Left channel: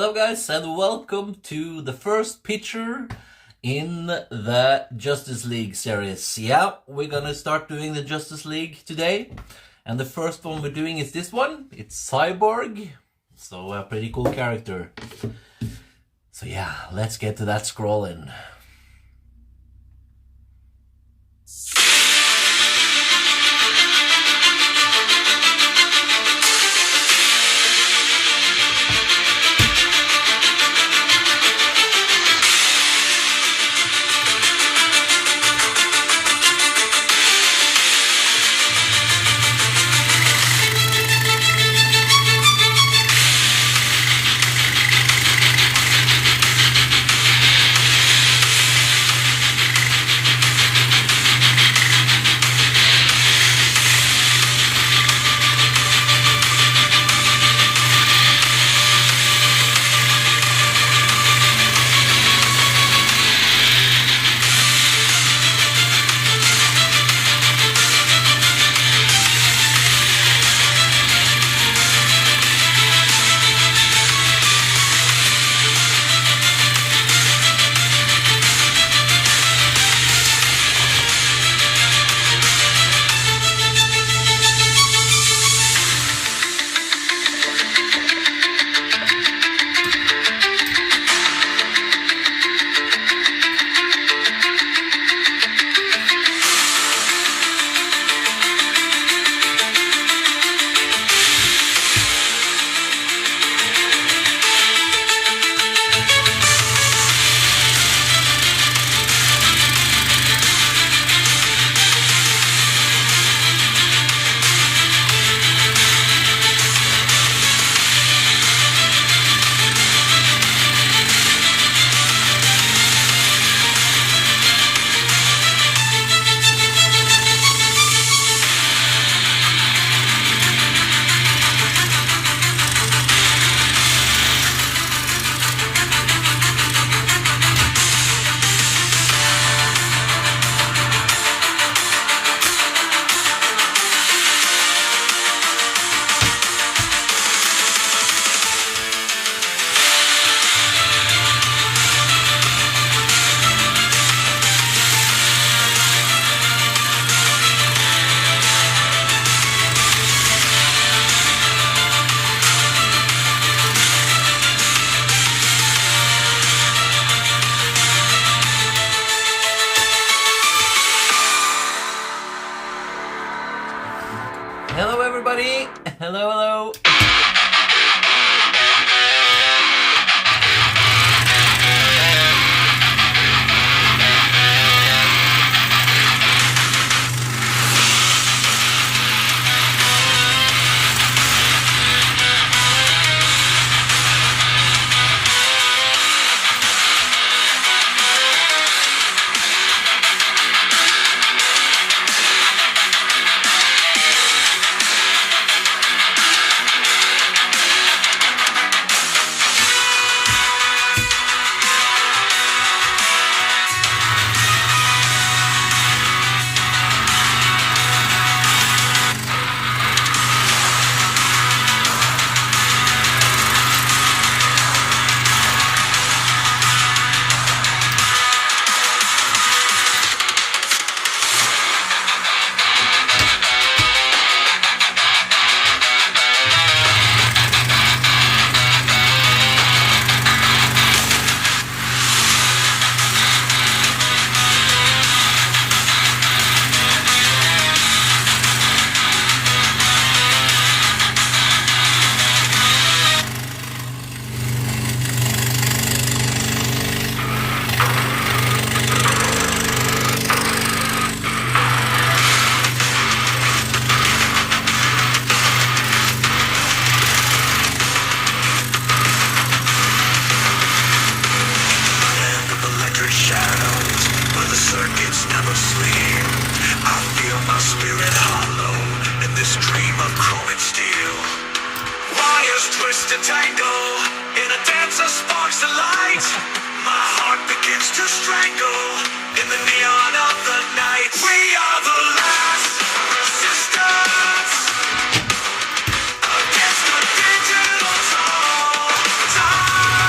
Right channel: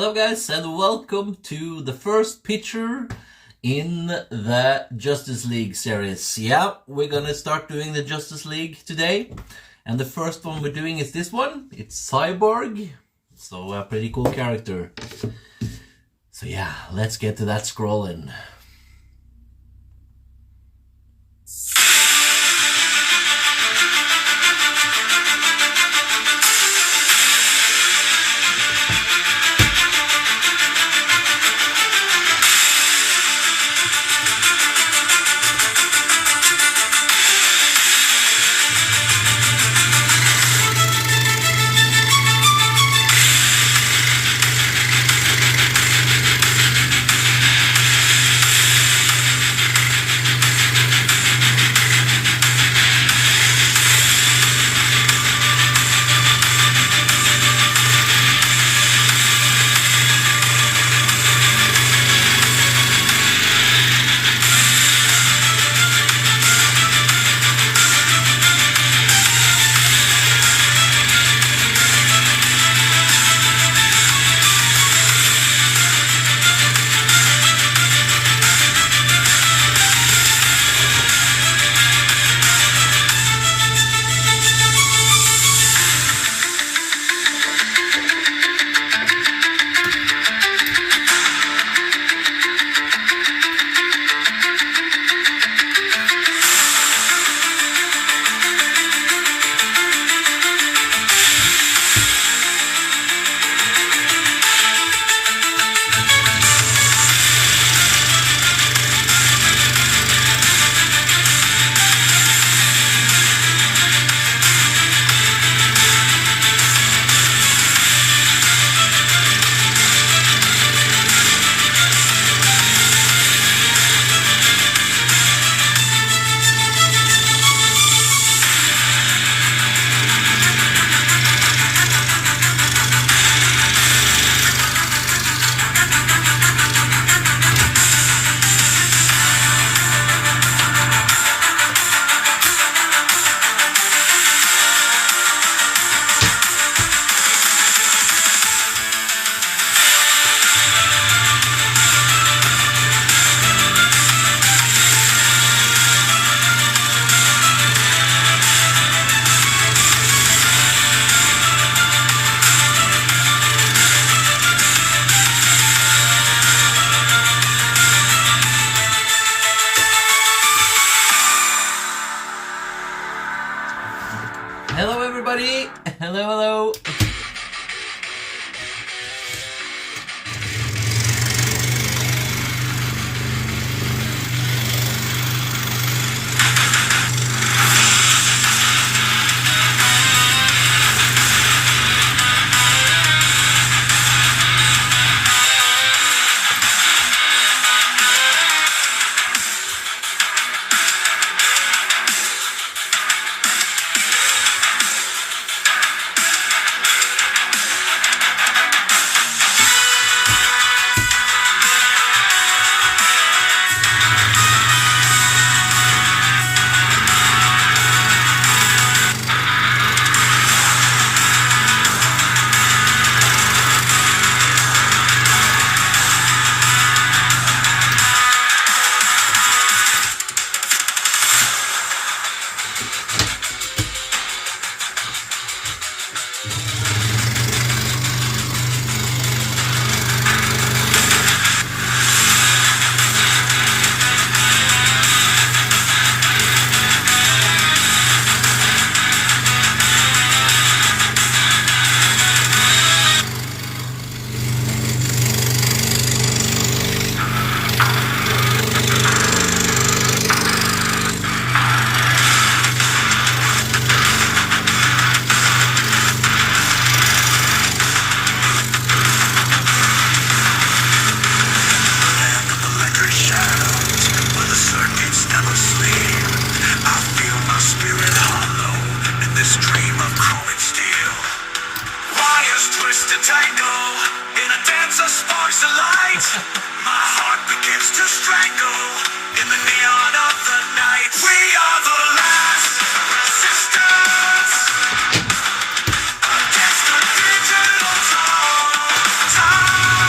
Hello guys and welcome to the first picture in the Justice League series. Yeah, we're gonna start doing the Justice League today. And the first one we're doing is this one. It's Cyborg. So a pretty cool character. So yeah, let's get to that scrolling. Hello everybody! Hello! Twist and tangle in a dance of sparks of light. My heart begins to strangle in the neon of the night. We are the last resistance against the digital time.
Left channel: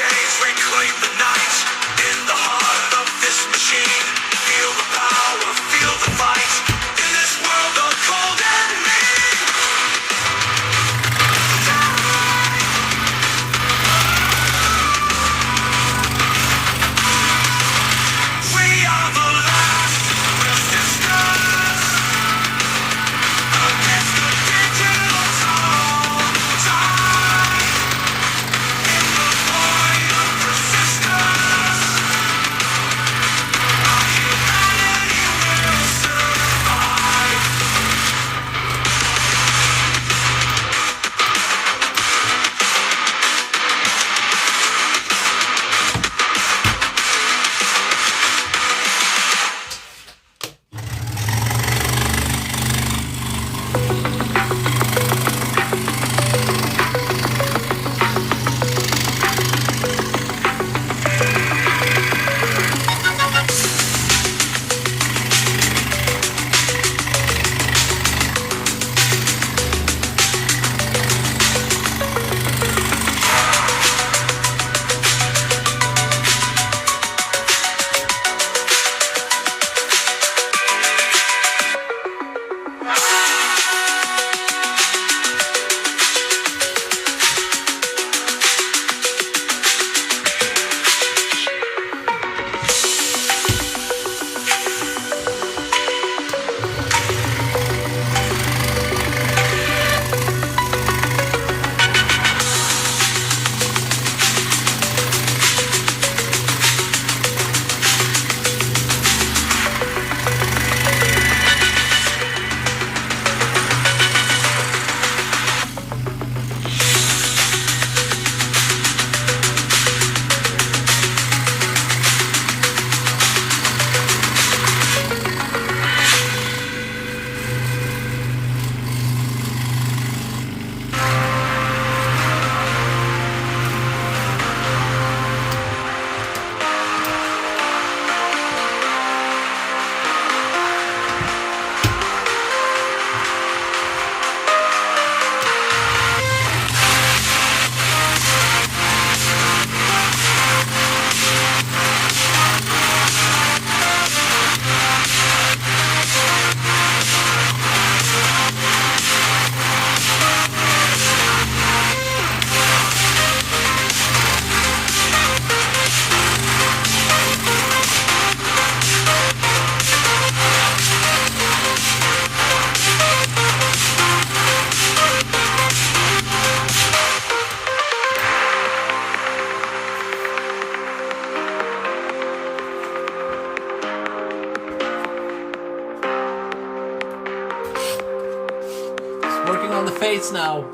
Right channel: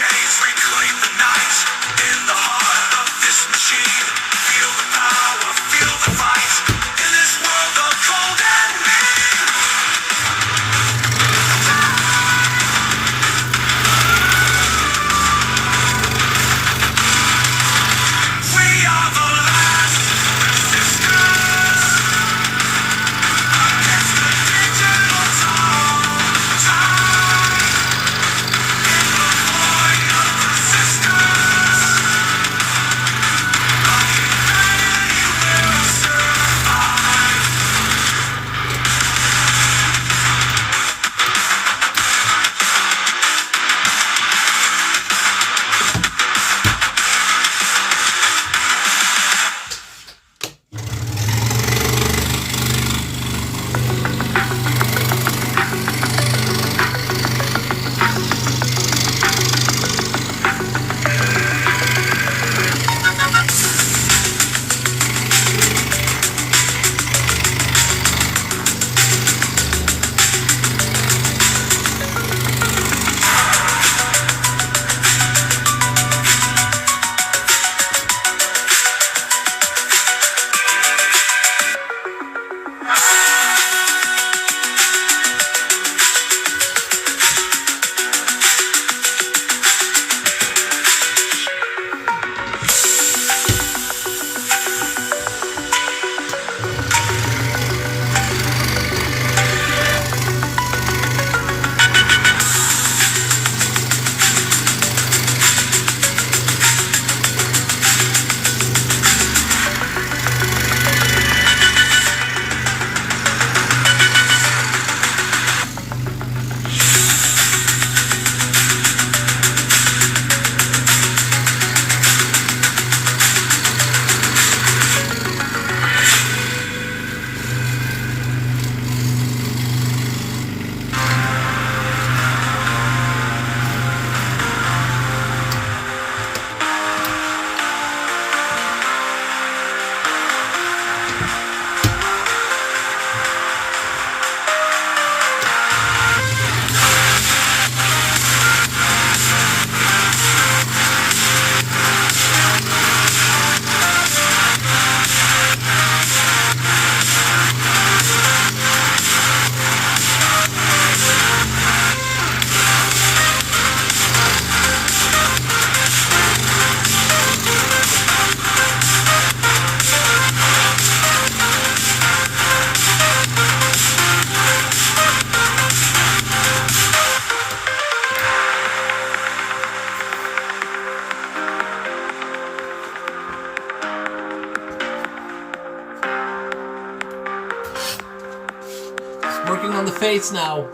chains, reclaim the night. In the heart of this machine, feel the power, feel the fight. In this world of cold and mean, we are the last resistance against the digital tide. In the void of persistence, our humanity will survive. Working on the face now.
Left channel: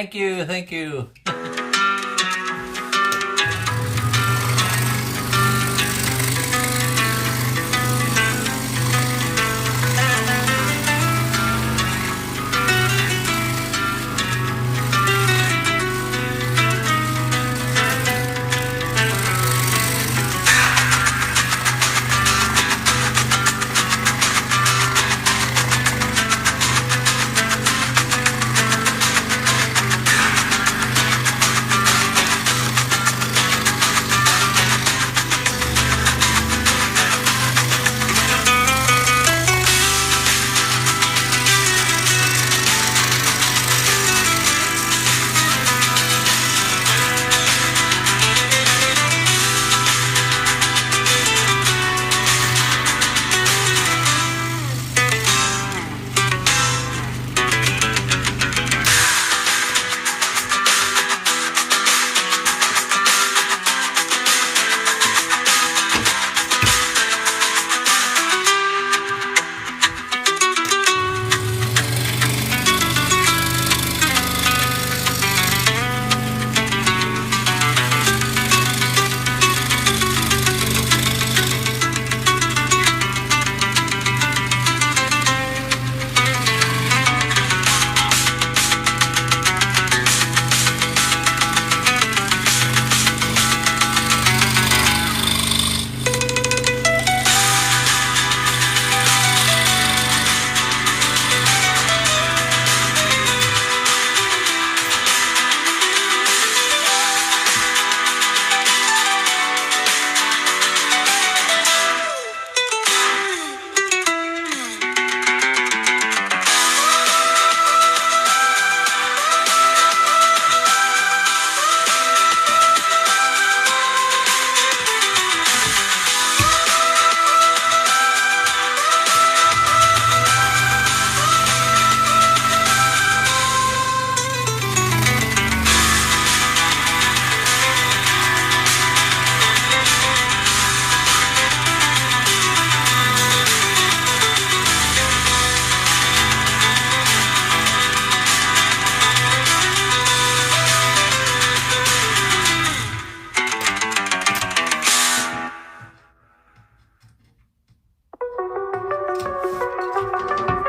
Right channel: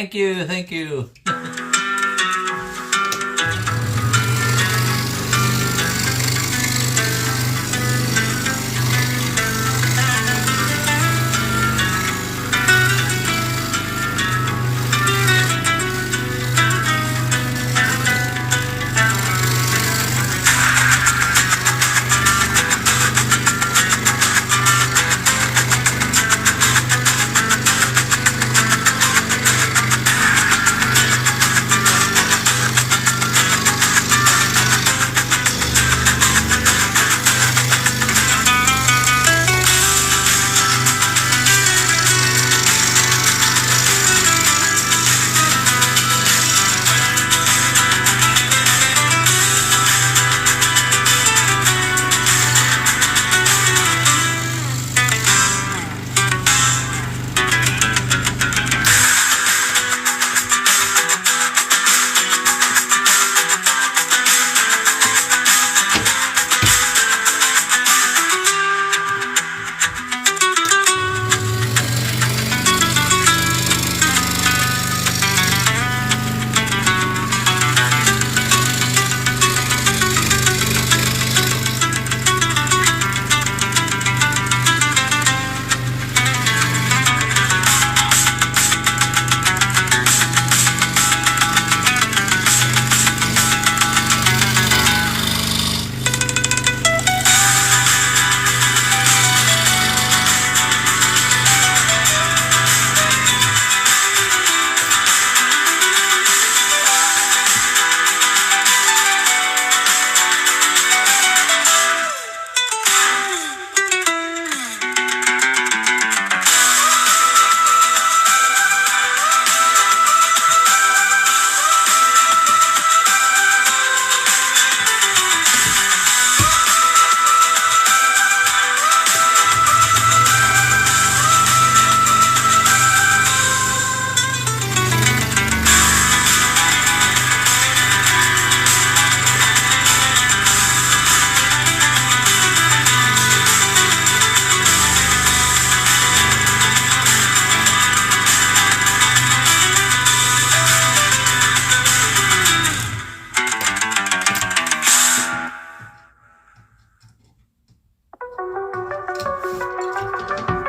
Thank you, thank you.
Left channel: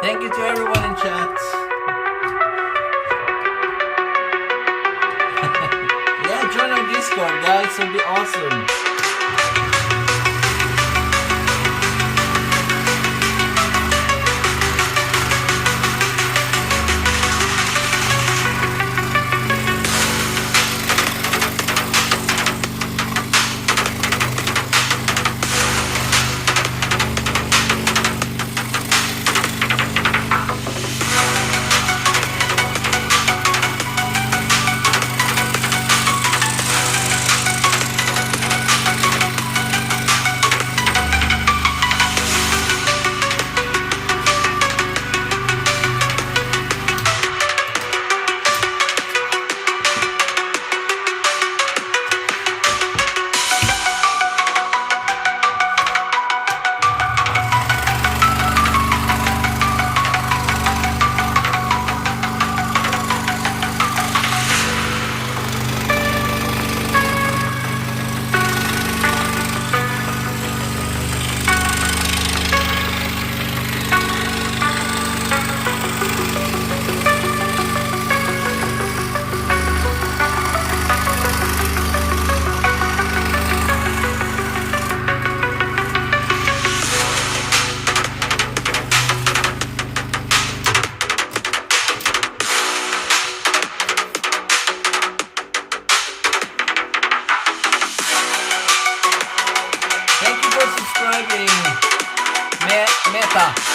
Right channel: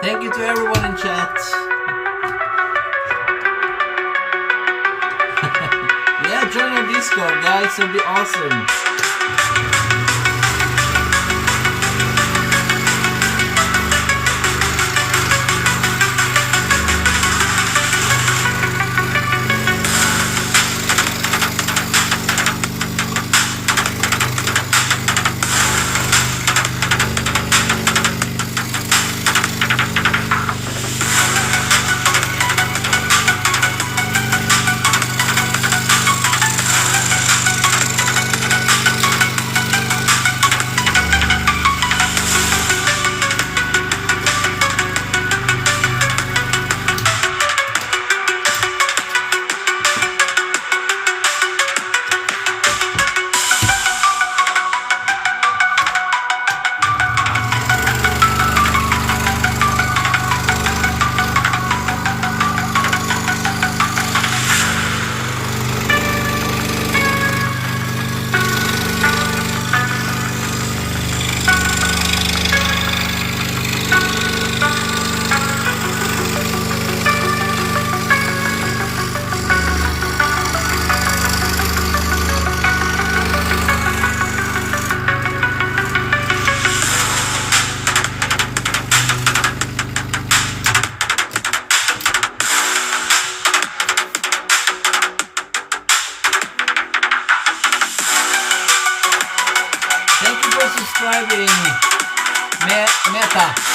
Thank you to everyone in chat. Yeah, join our Discord, guys. It'll be awesome. Meta.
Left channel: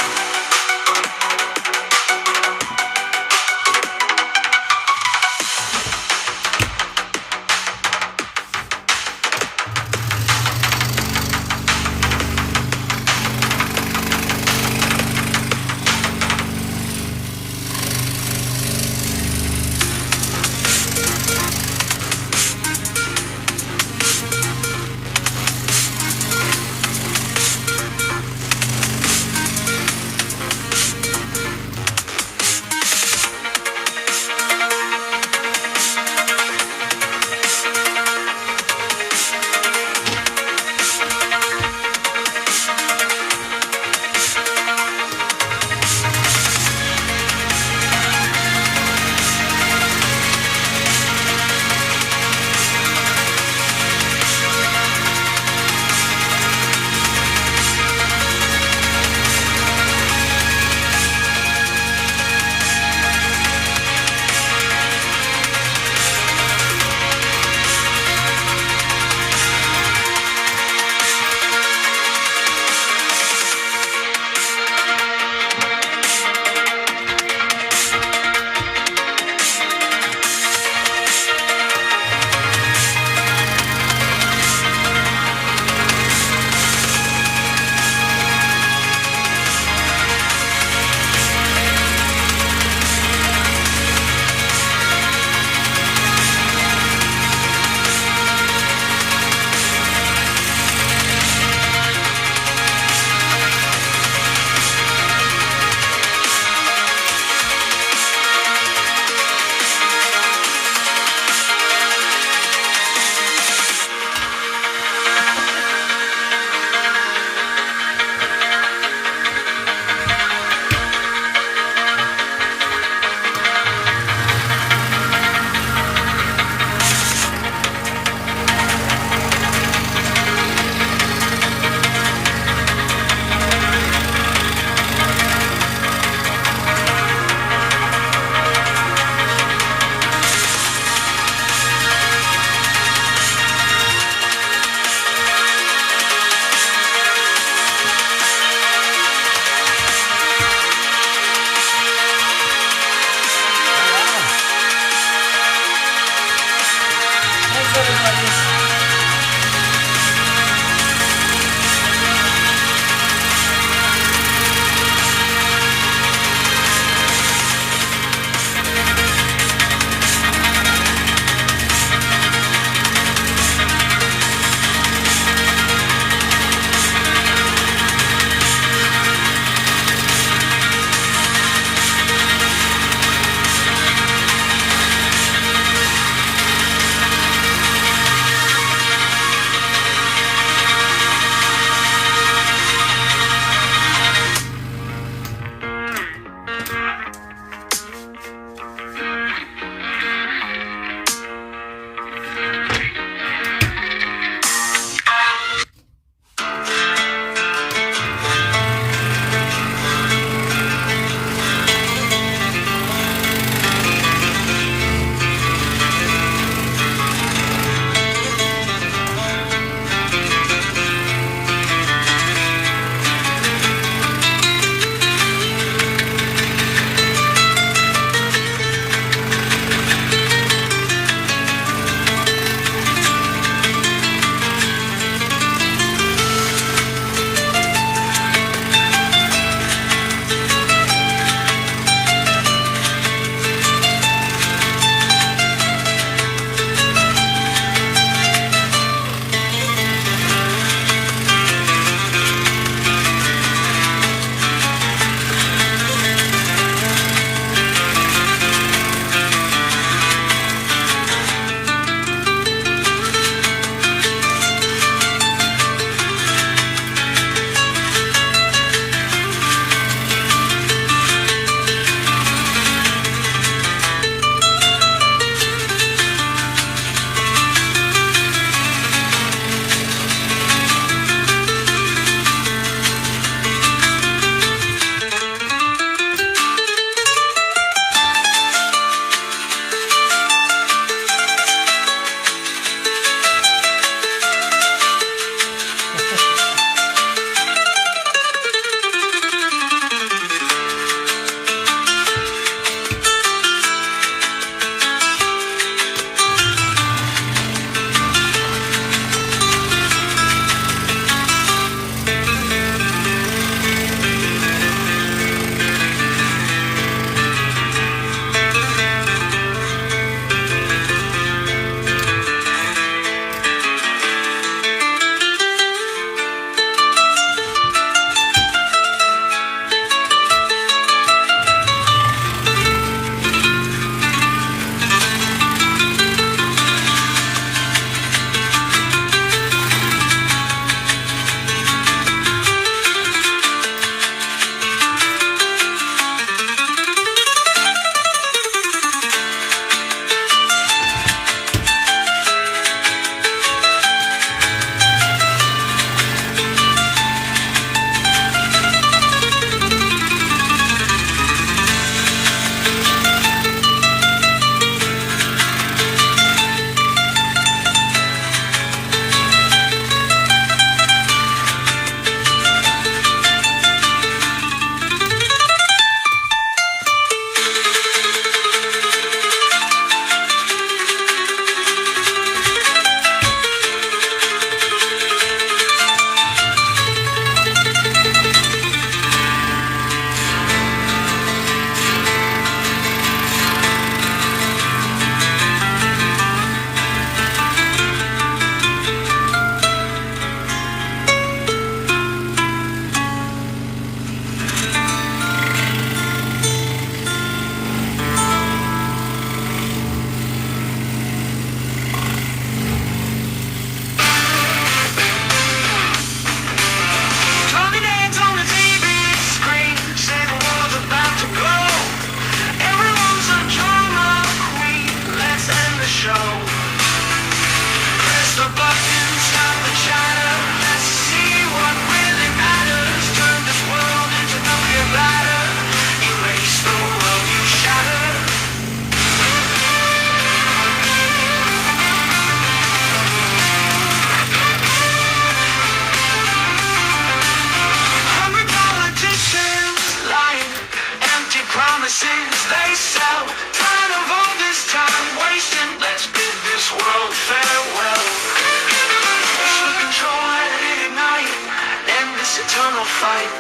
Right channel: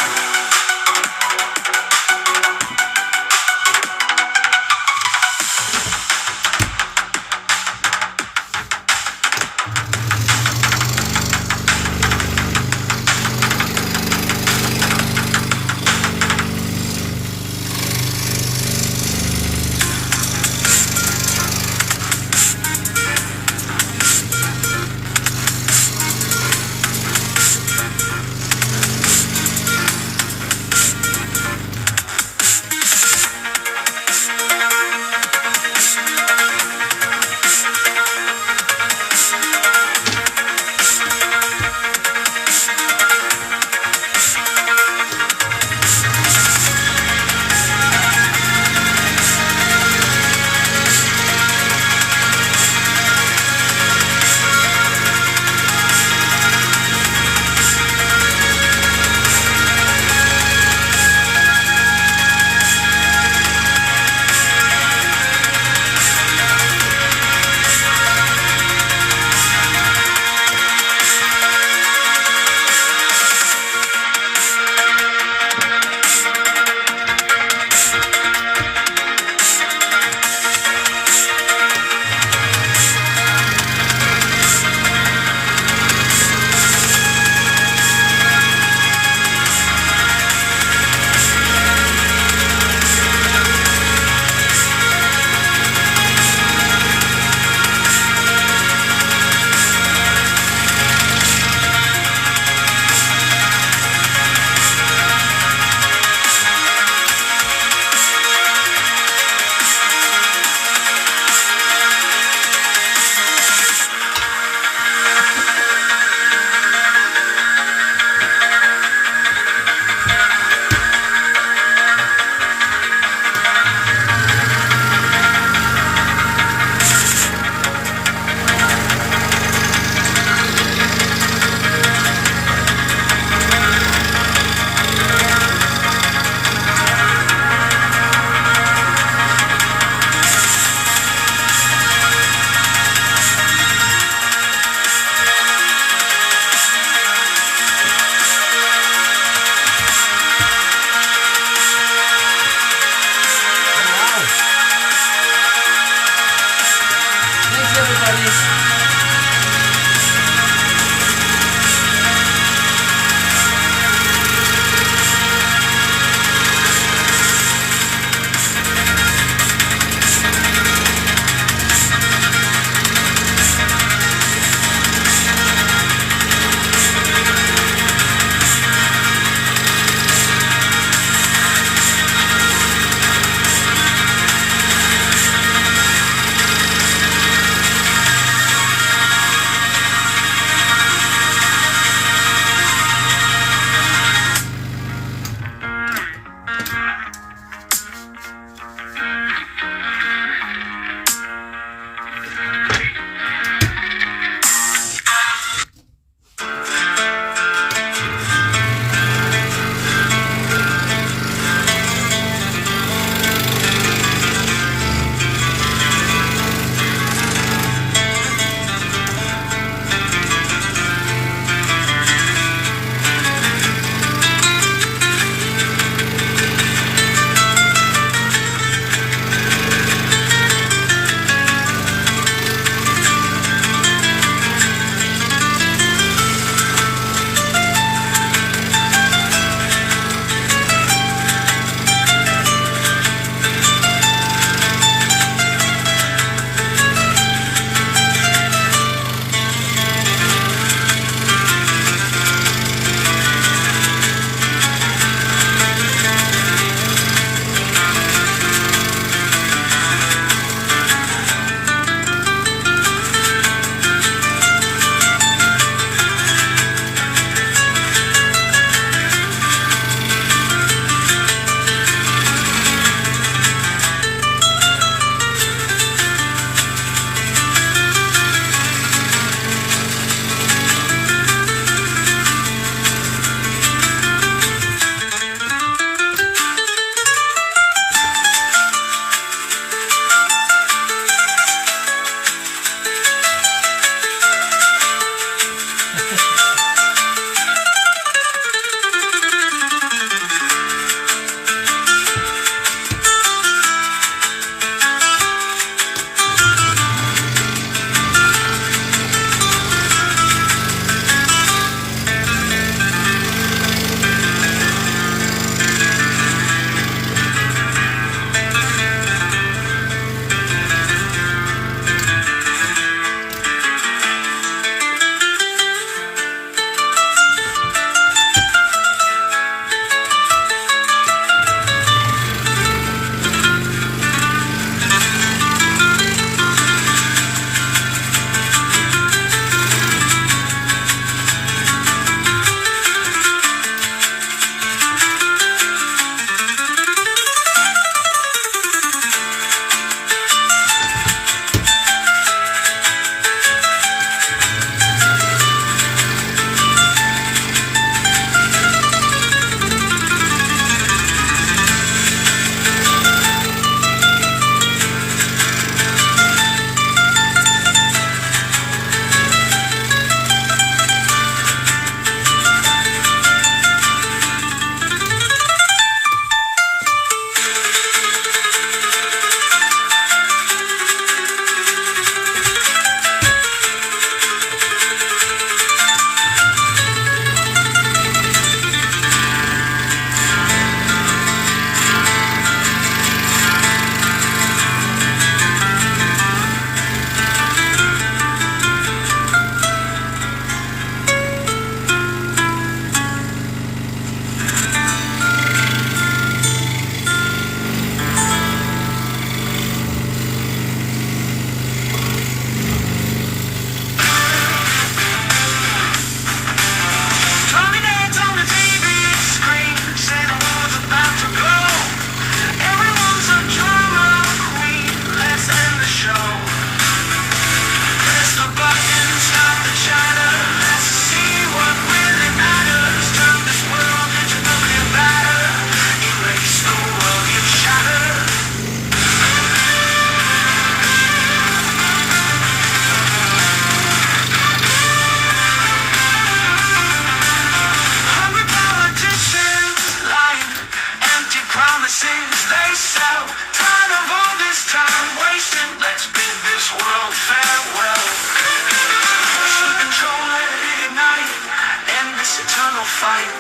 this eternal fight.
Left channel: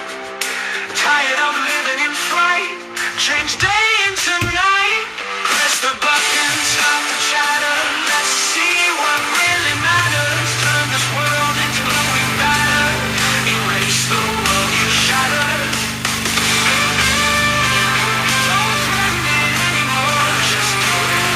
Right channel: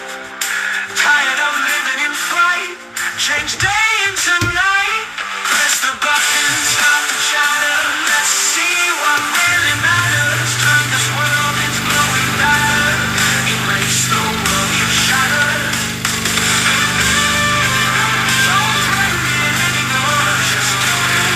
Tired of living in fright. Change day into night. Press the button, stop the chatter. Let's see what really matters. Turn this world into glowing matter. Erase the world you shattered. Don't threaten it anymore, just do it.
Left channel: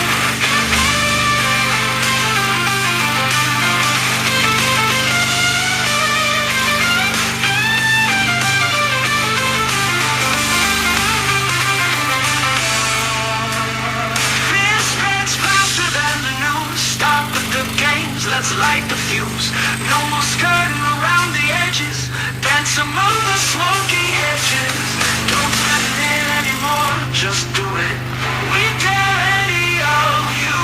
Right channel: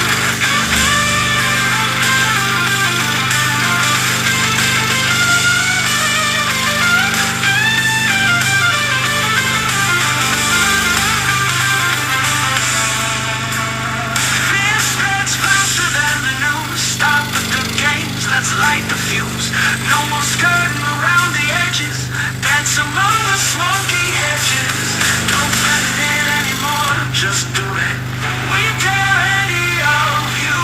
Fear spreads faster than the news. Stop the good games, let's light the fuse. No more skirting around the edges. Dance among the smoky hedges. Don't threaten it anymore, just do it. We dare any of you.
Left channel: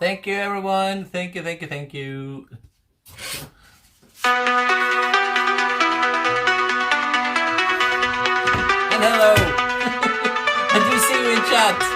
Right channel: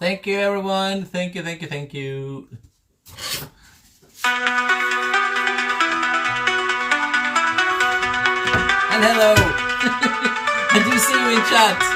Thank you, everyone. Thank you, thank you, thank you. And hello. I do see you in chat.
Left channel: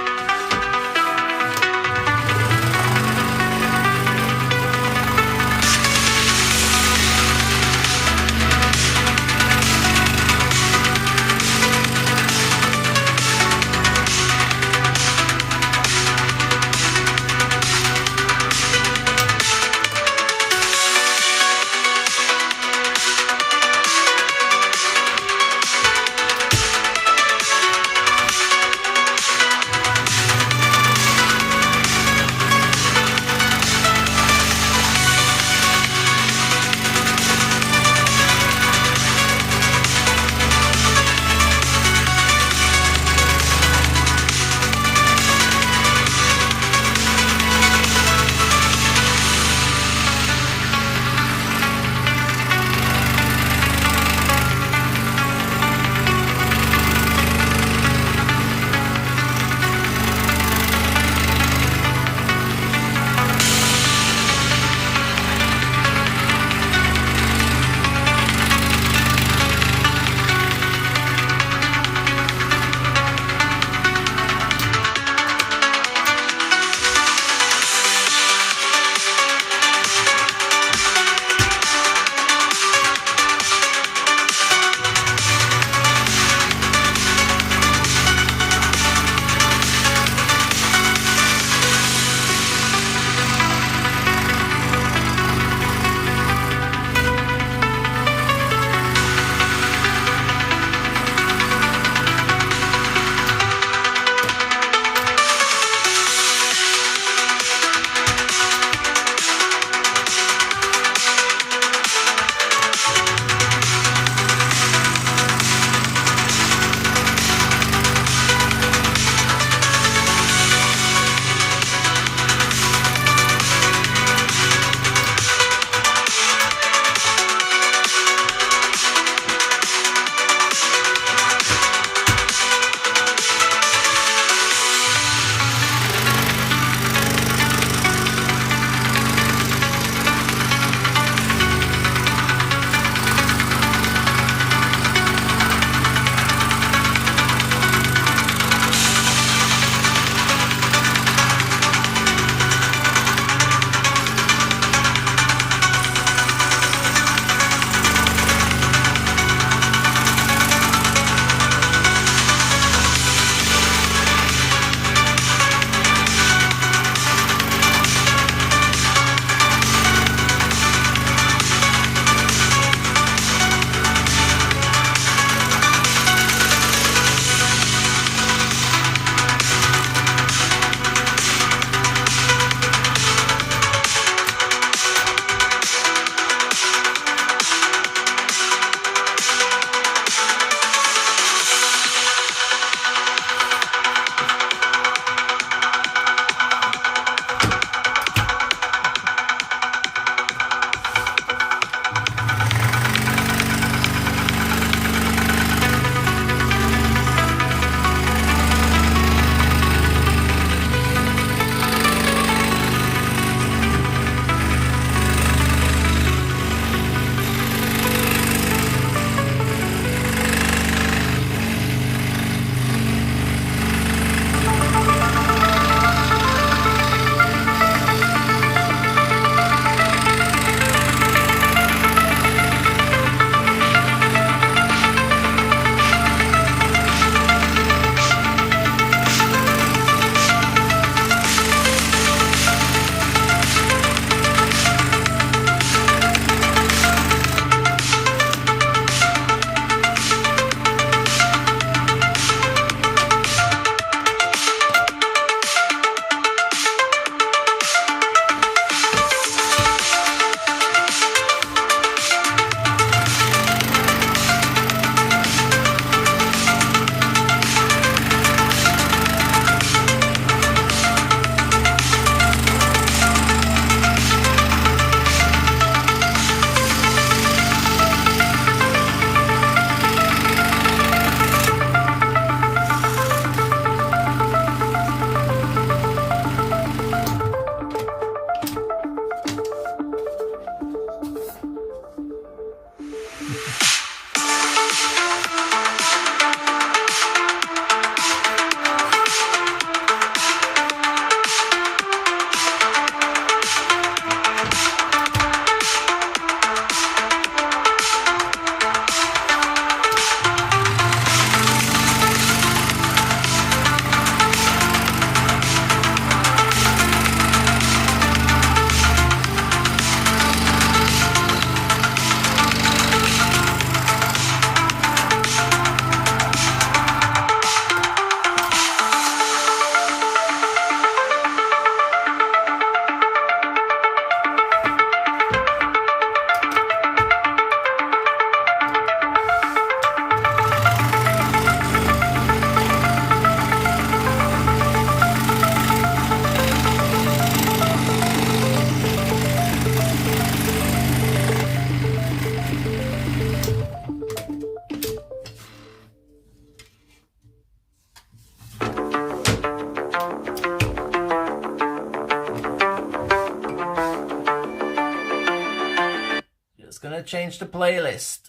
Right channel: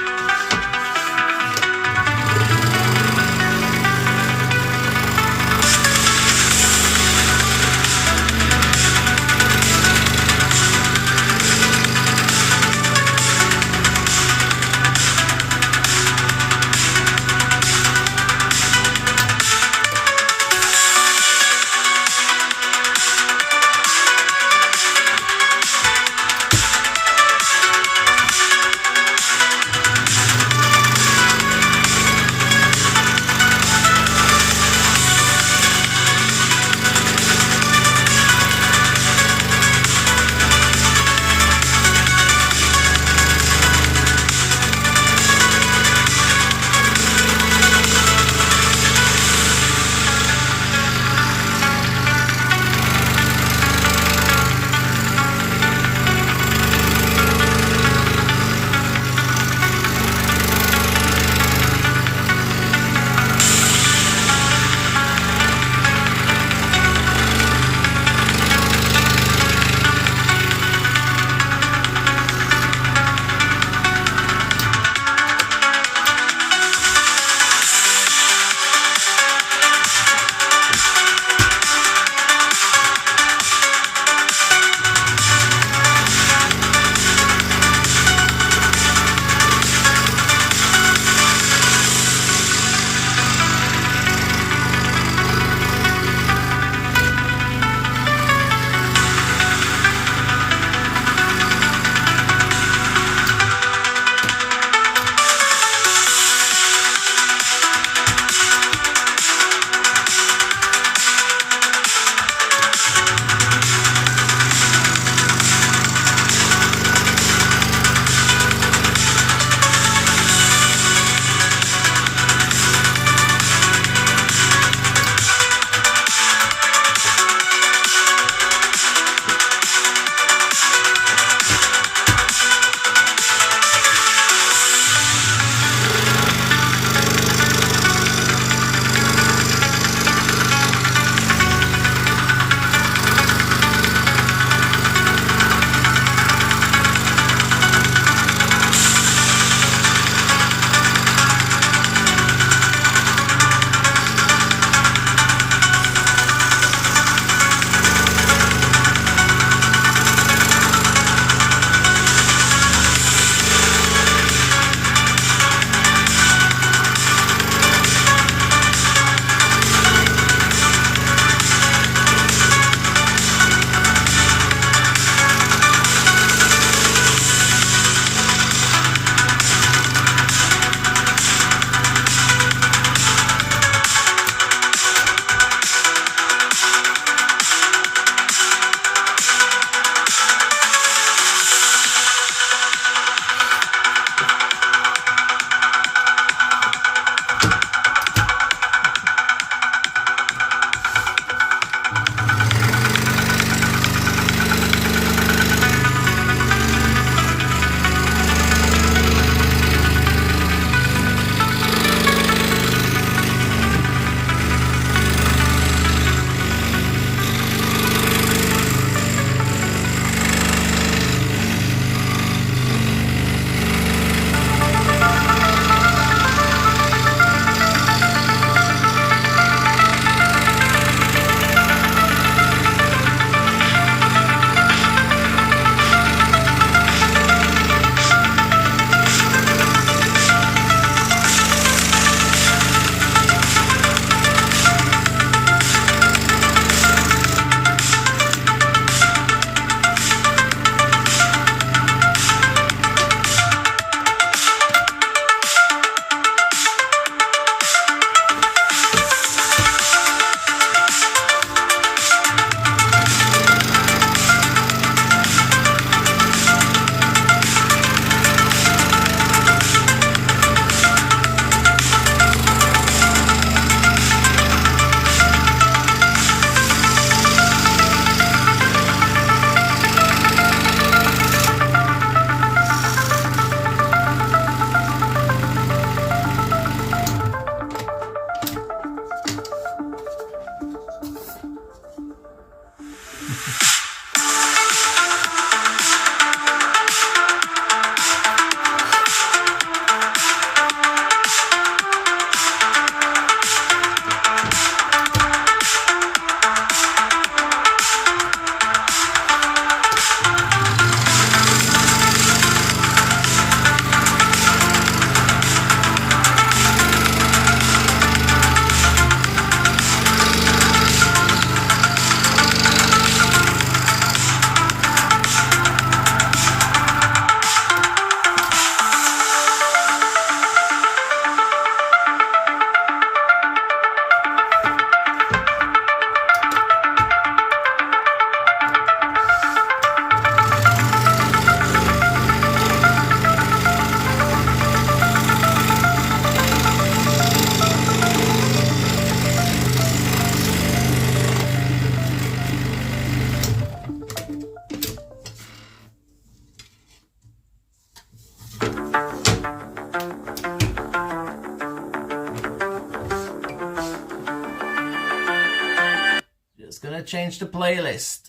gonna change the playlist.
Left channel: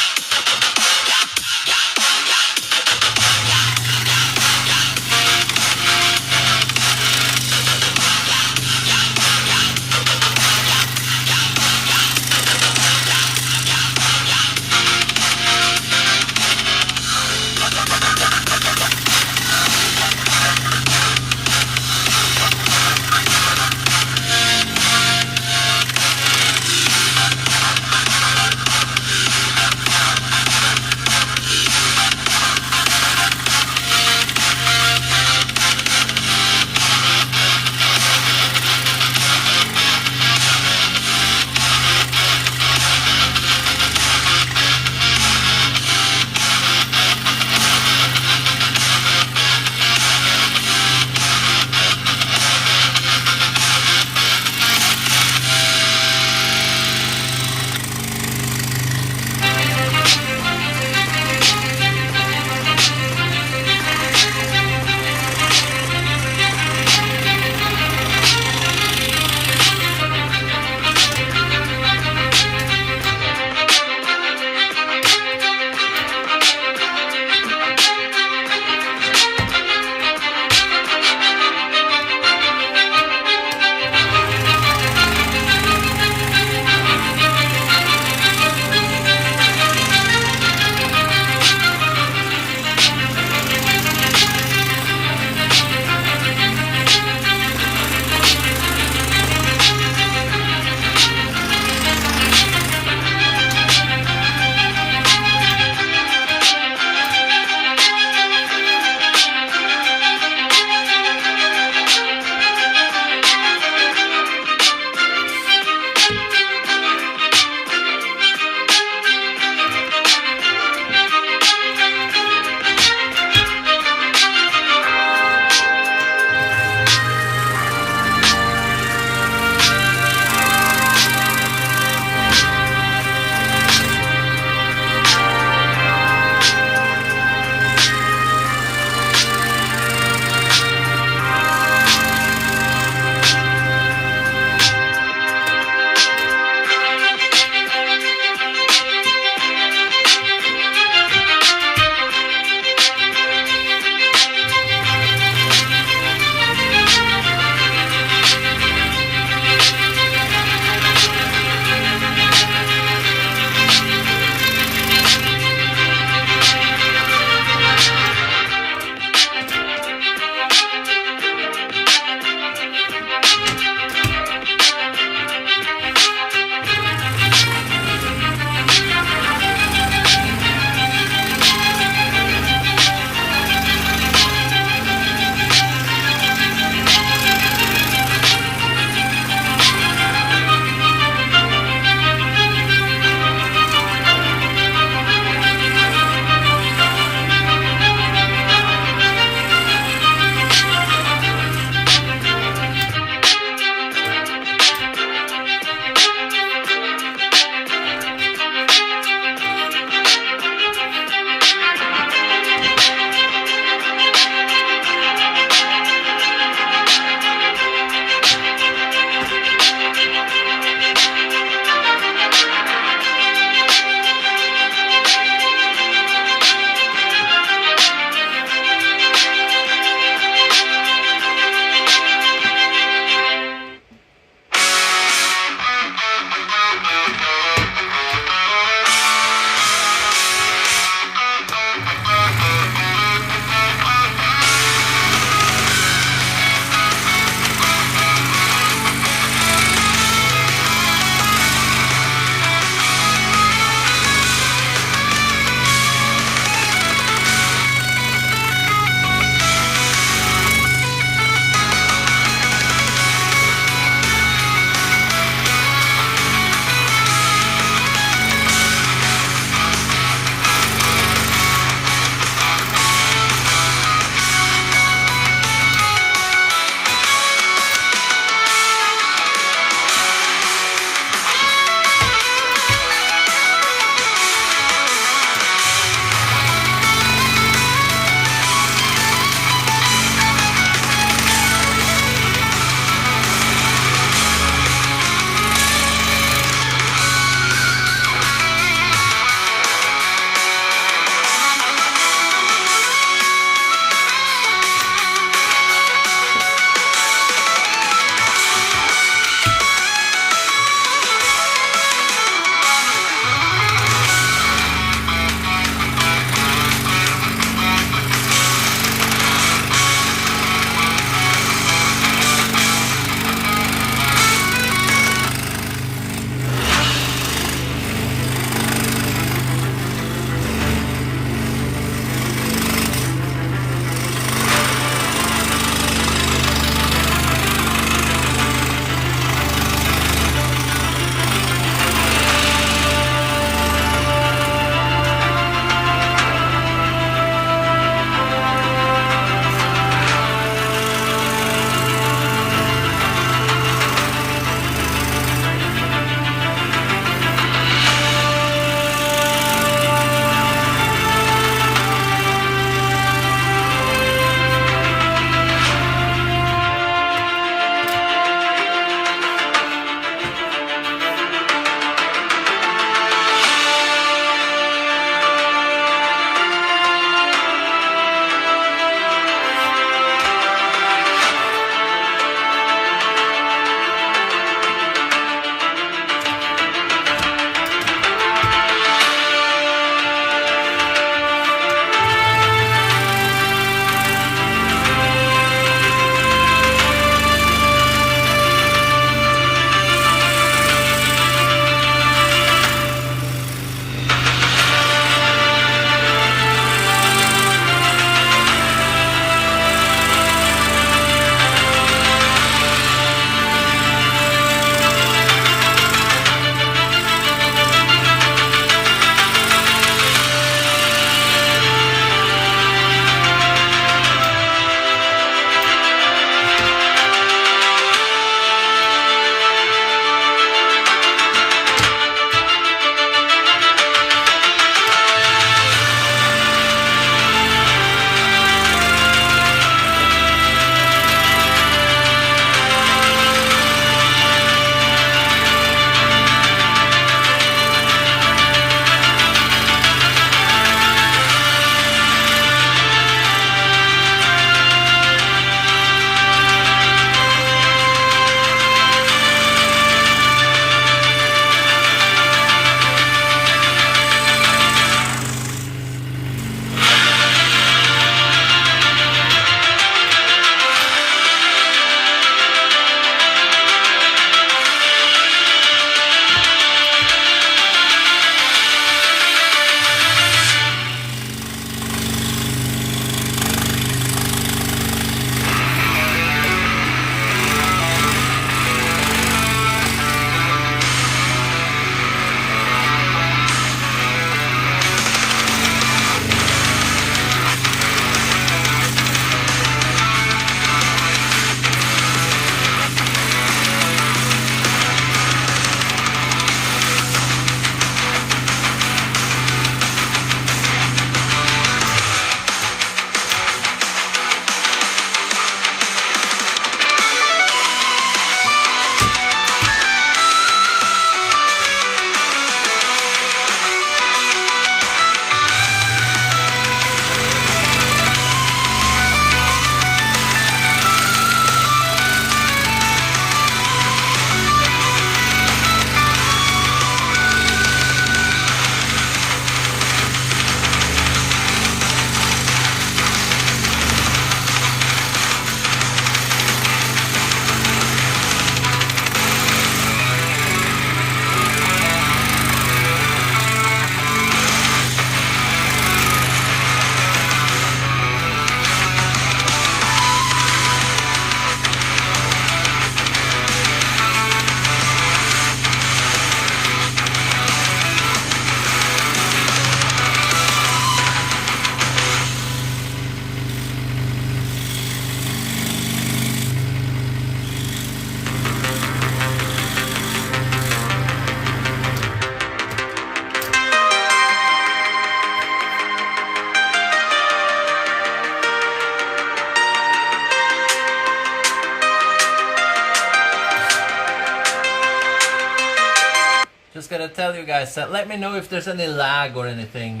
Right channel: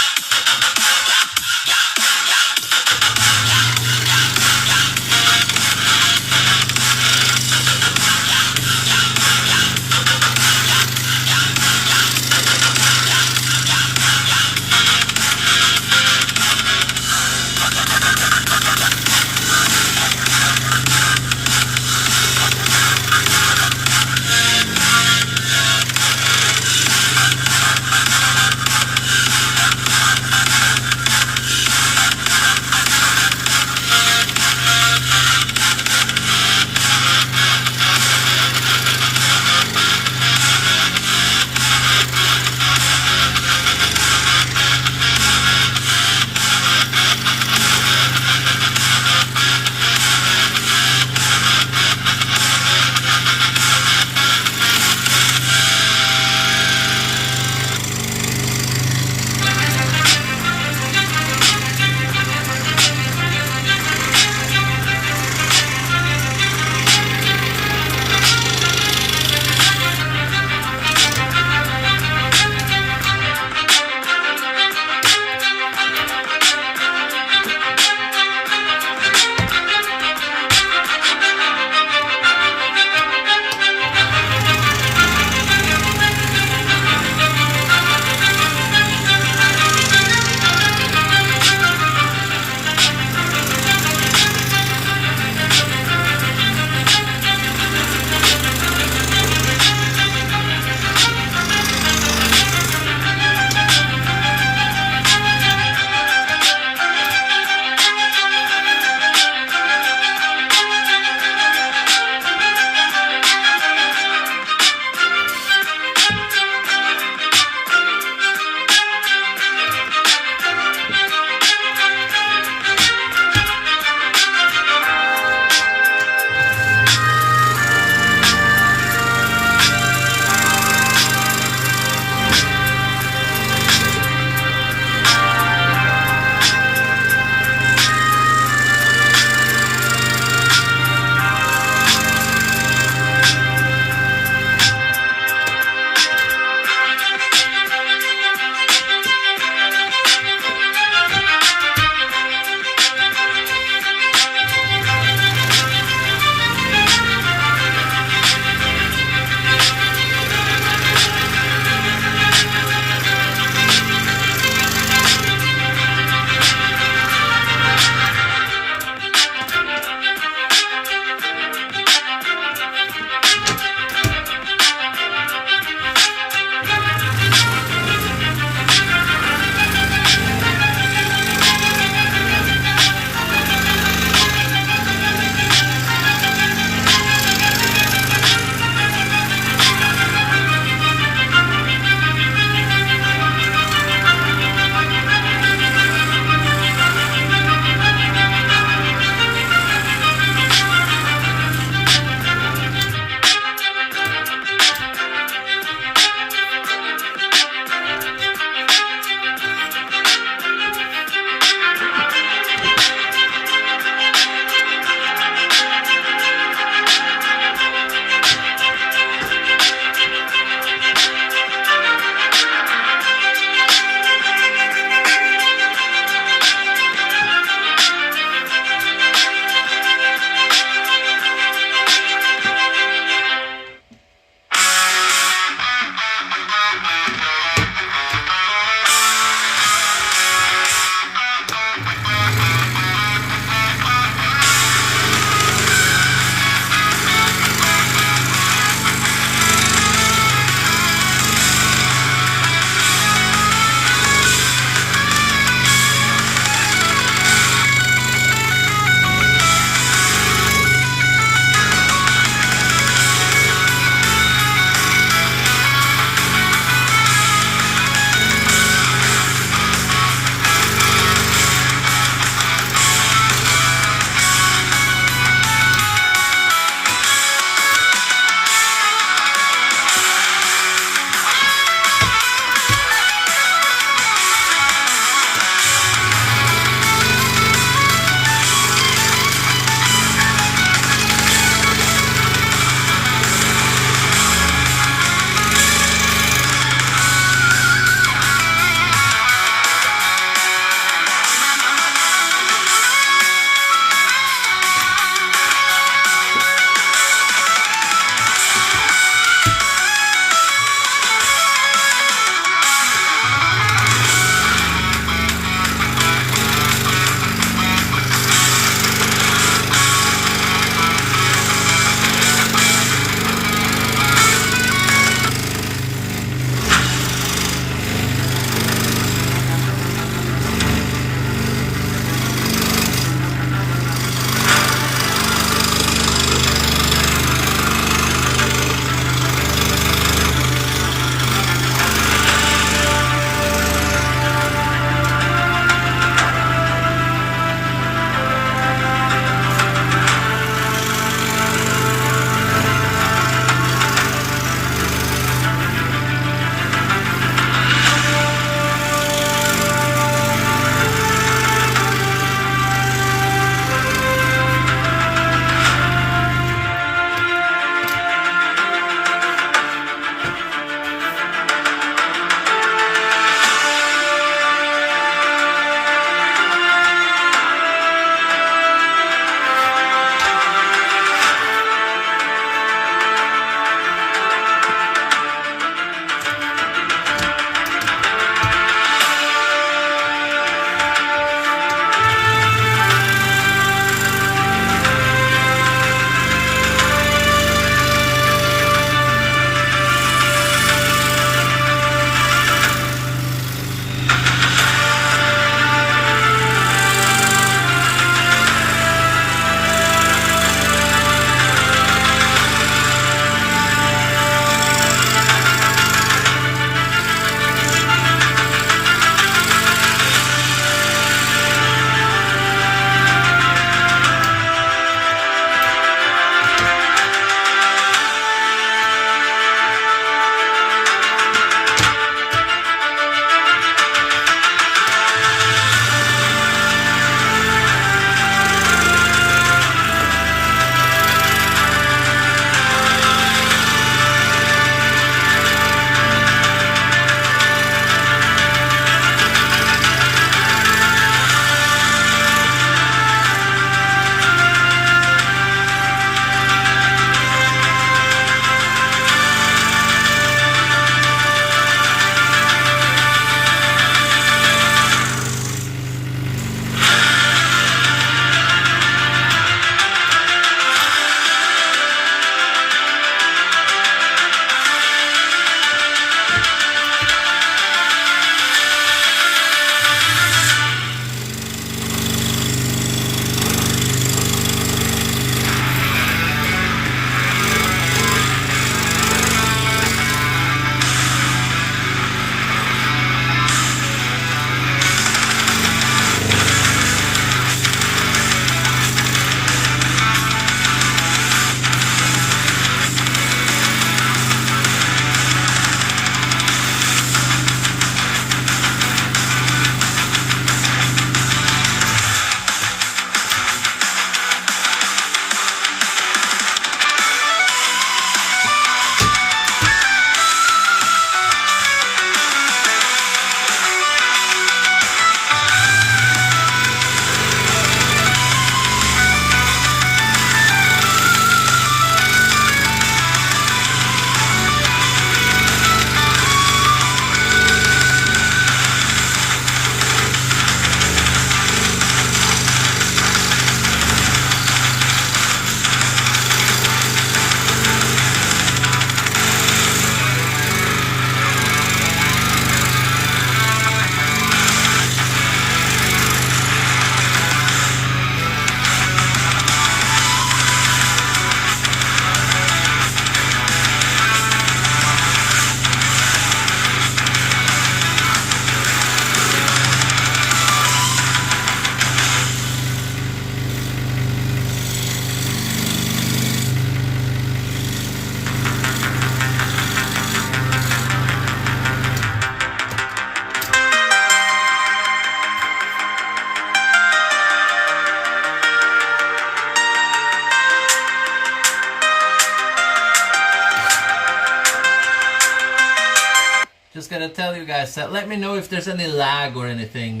did I tell you guys that? Let me know if there's any lag or anything,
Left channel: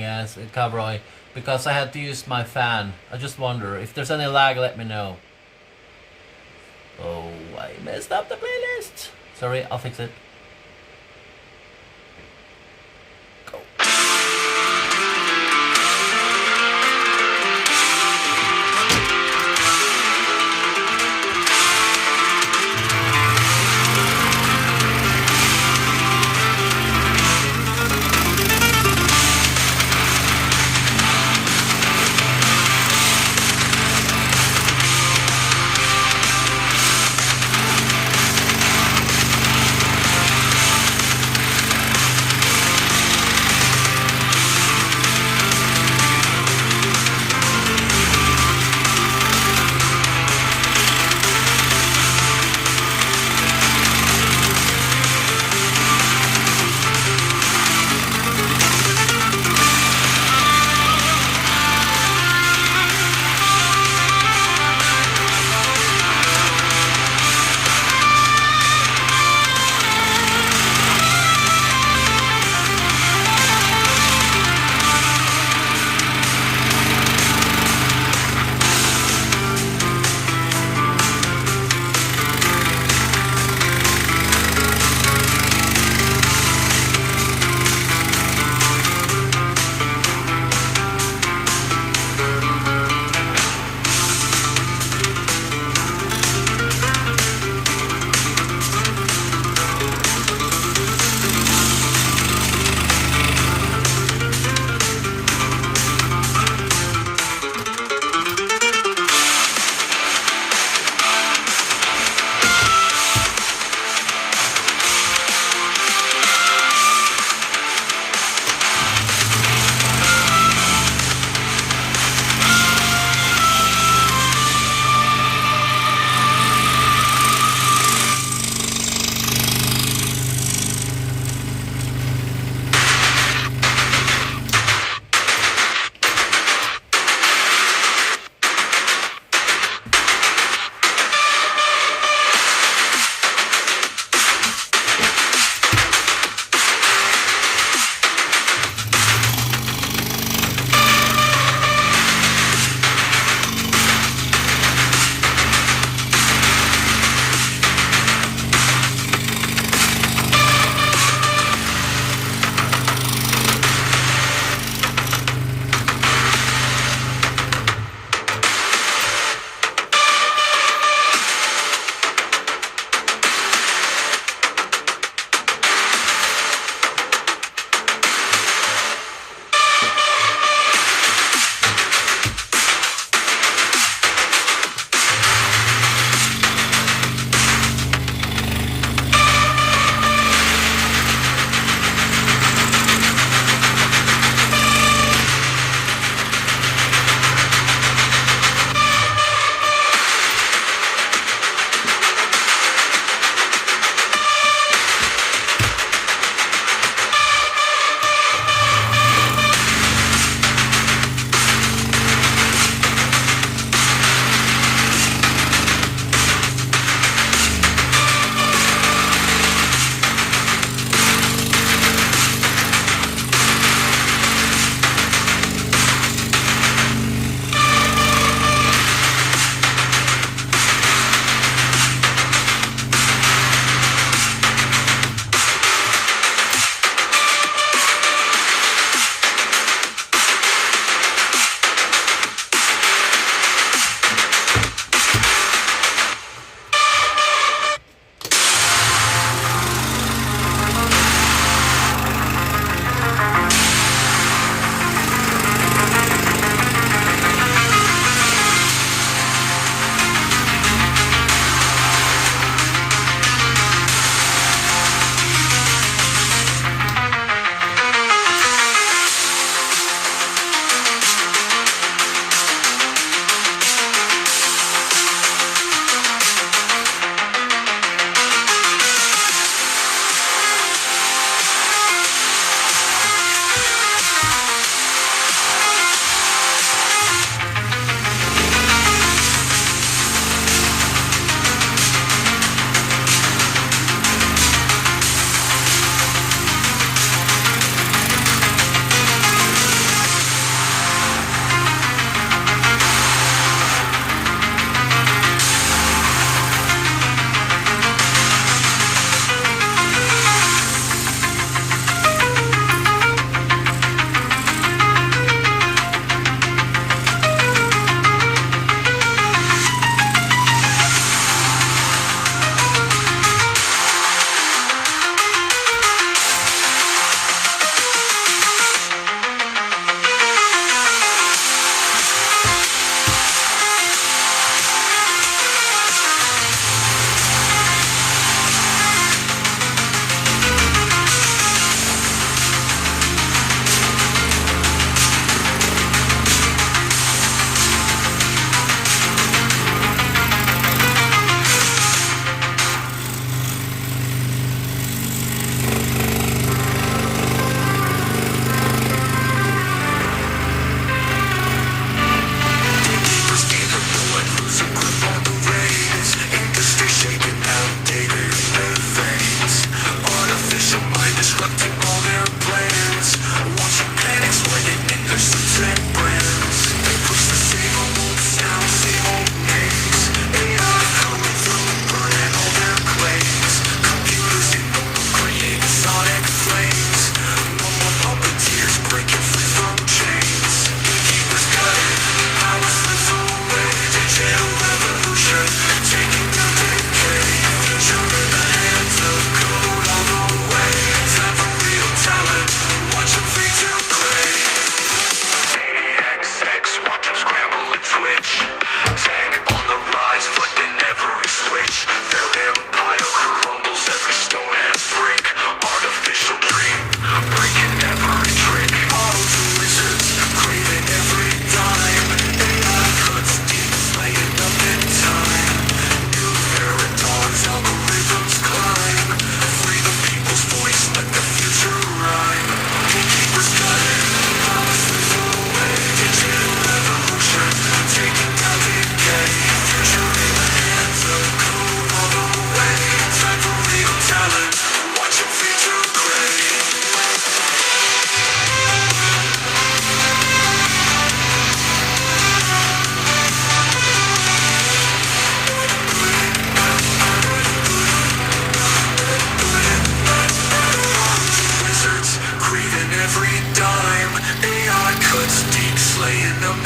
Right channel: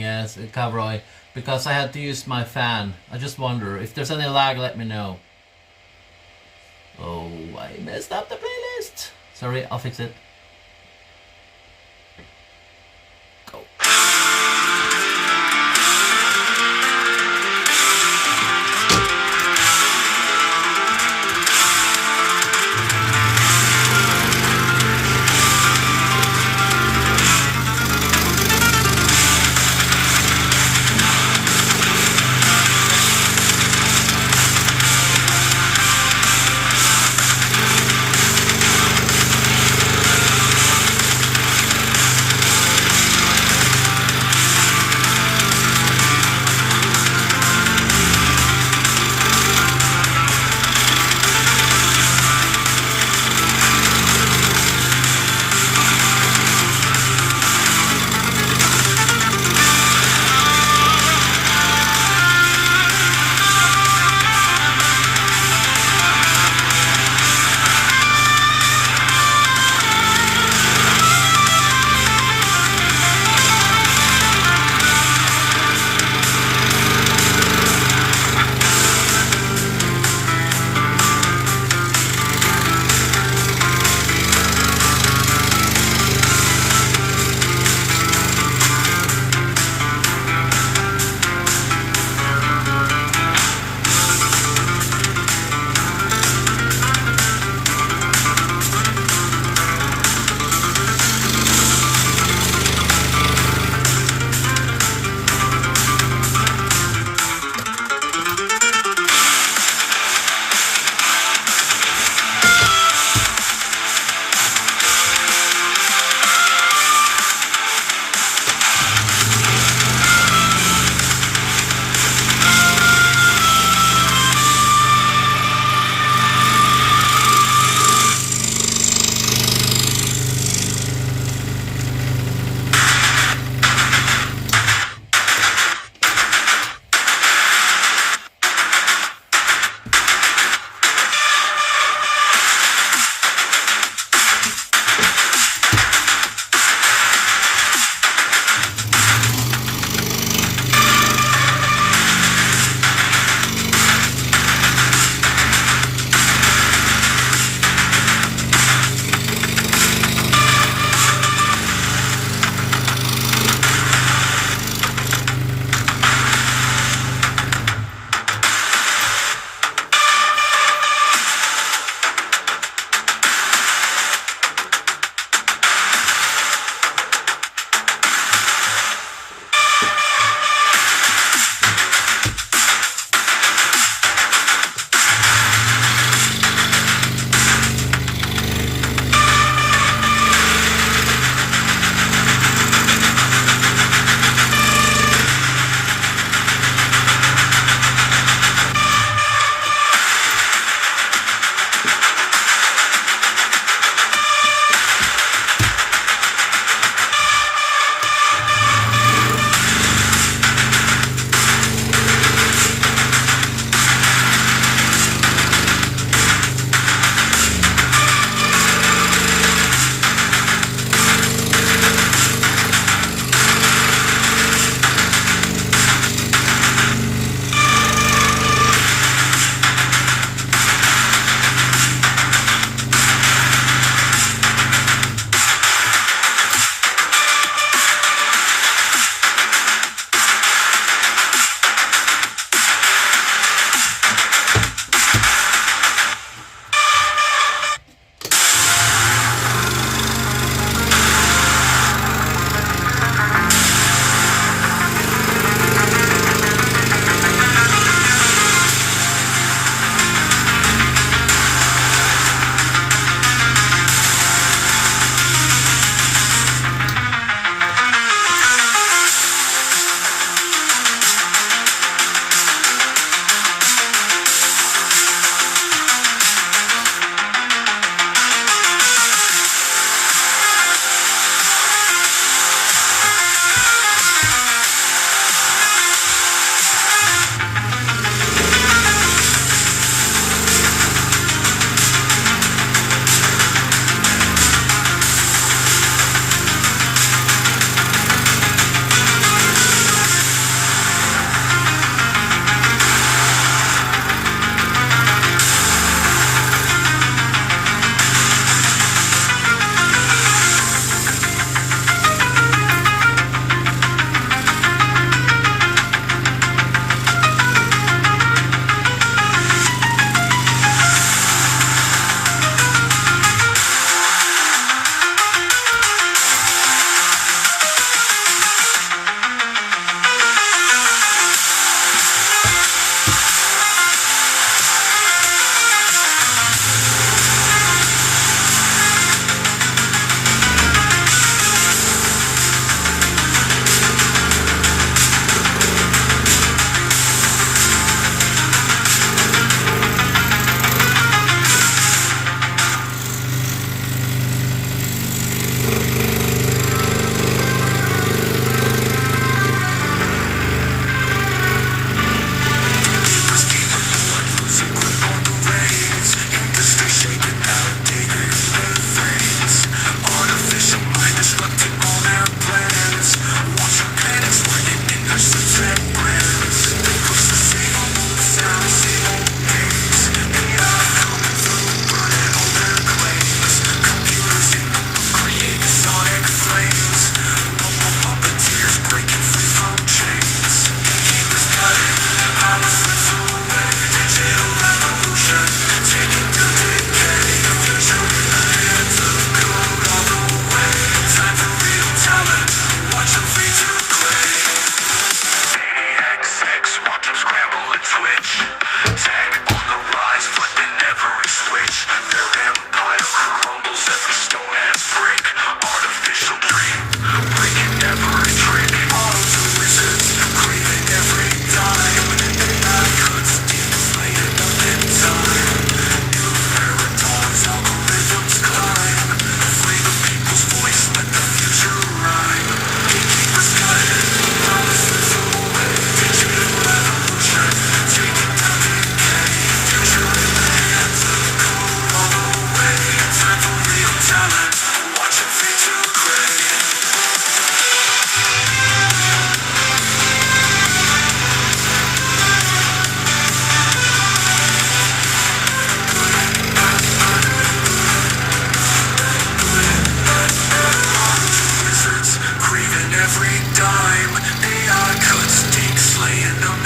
Cavroy, because I had to use my fan. I just wonder if there's any lag. Let me know. Oh, I messed up the playlist. Sorry, I'll fix it. Go.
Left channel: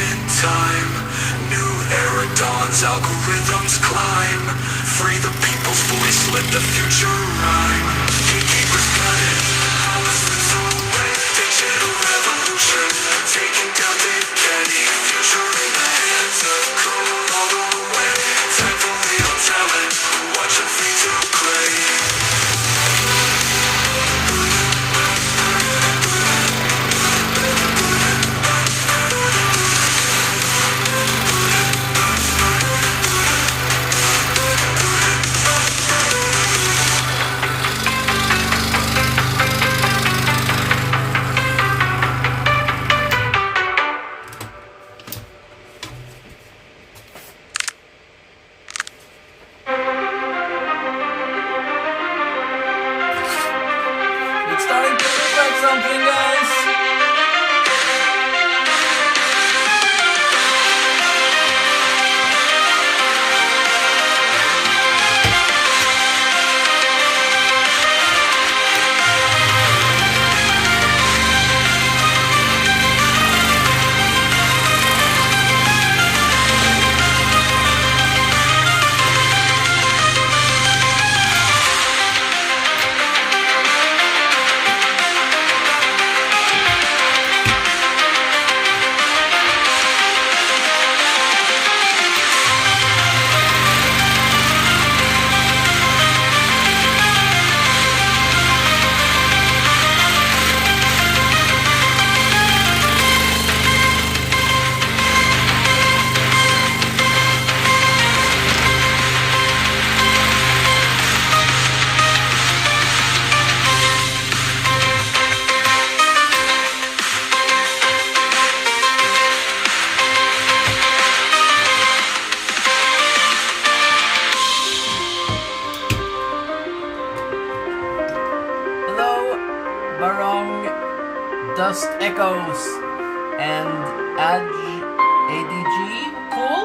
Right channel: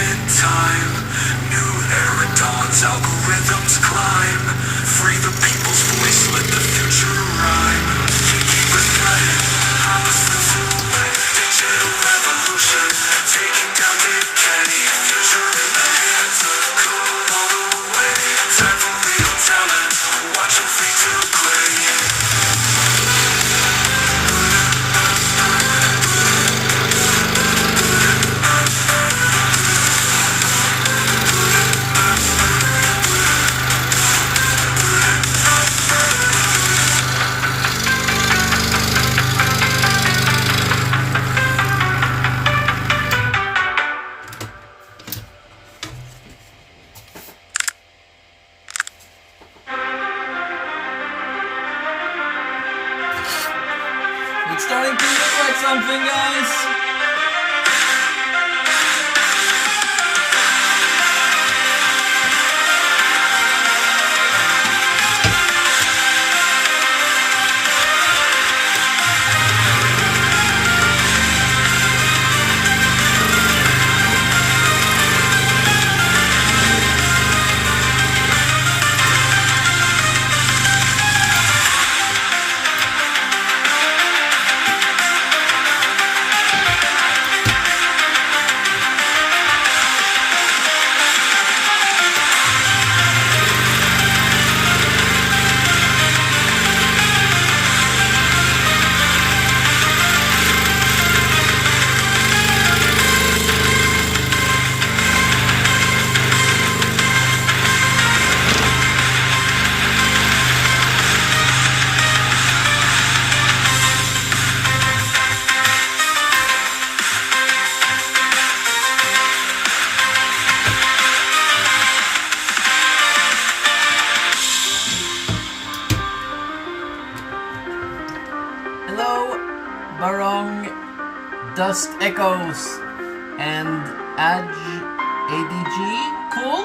in time. New era dawns, algorithms climb. Free the people's voice, let the future rhyme. Gatekeepers gutted, powers slips away. Digital revolution, taking down decay. Future in the hands of code all the way. Time for real talent, watch them fade to gray. It's starting to look like something, guys. Hello, Barong, Dust Echoes, and ADG. Cool?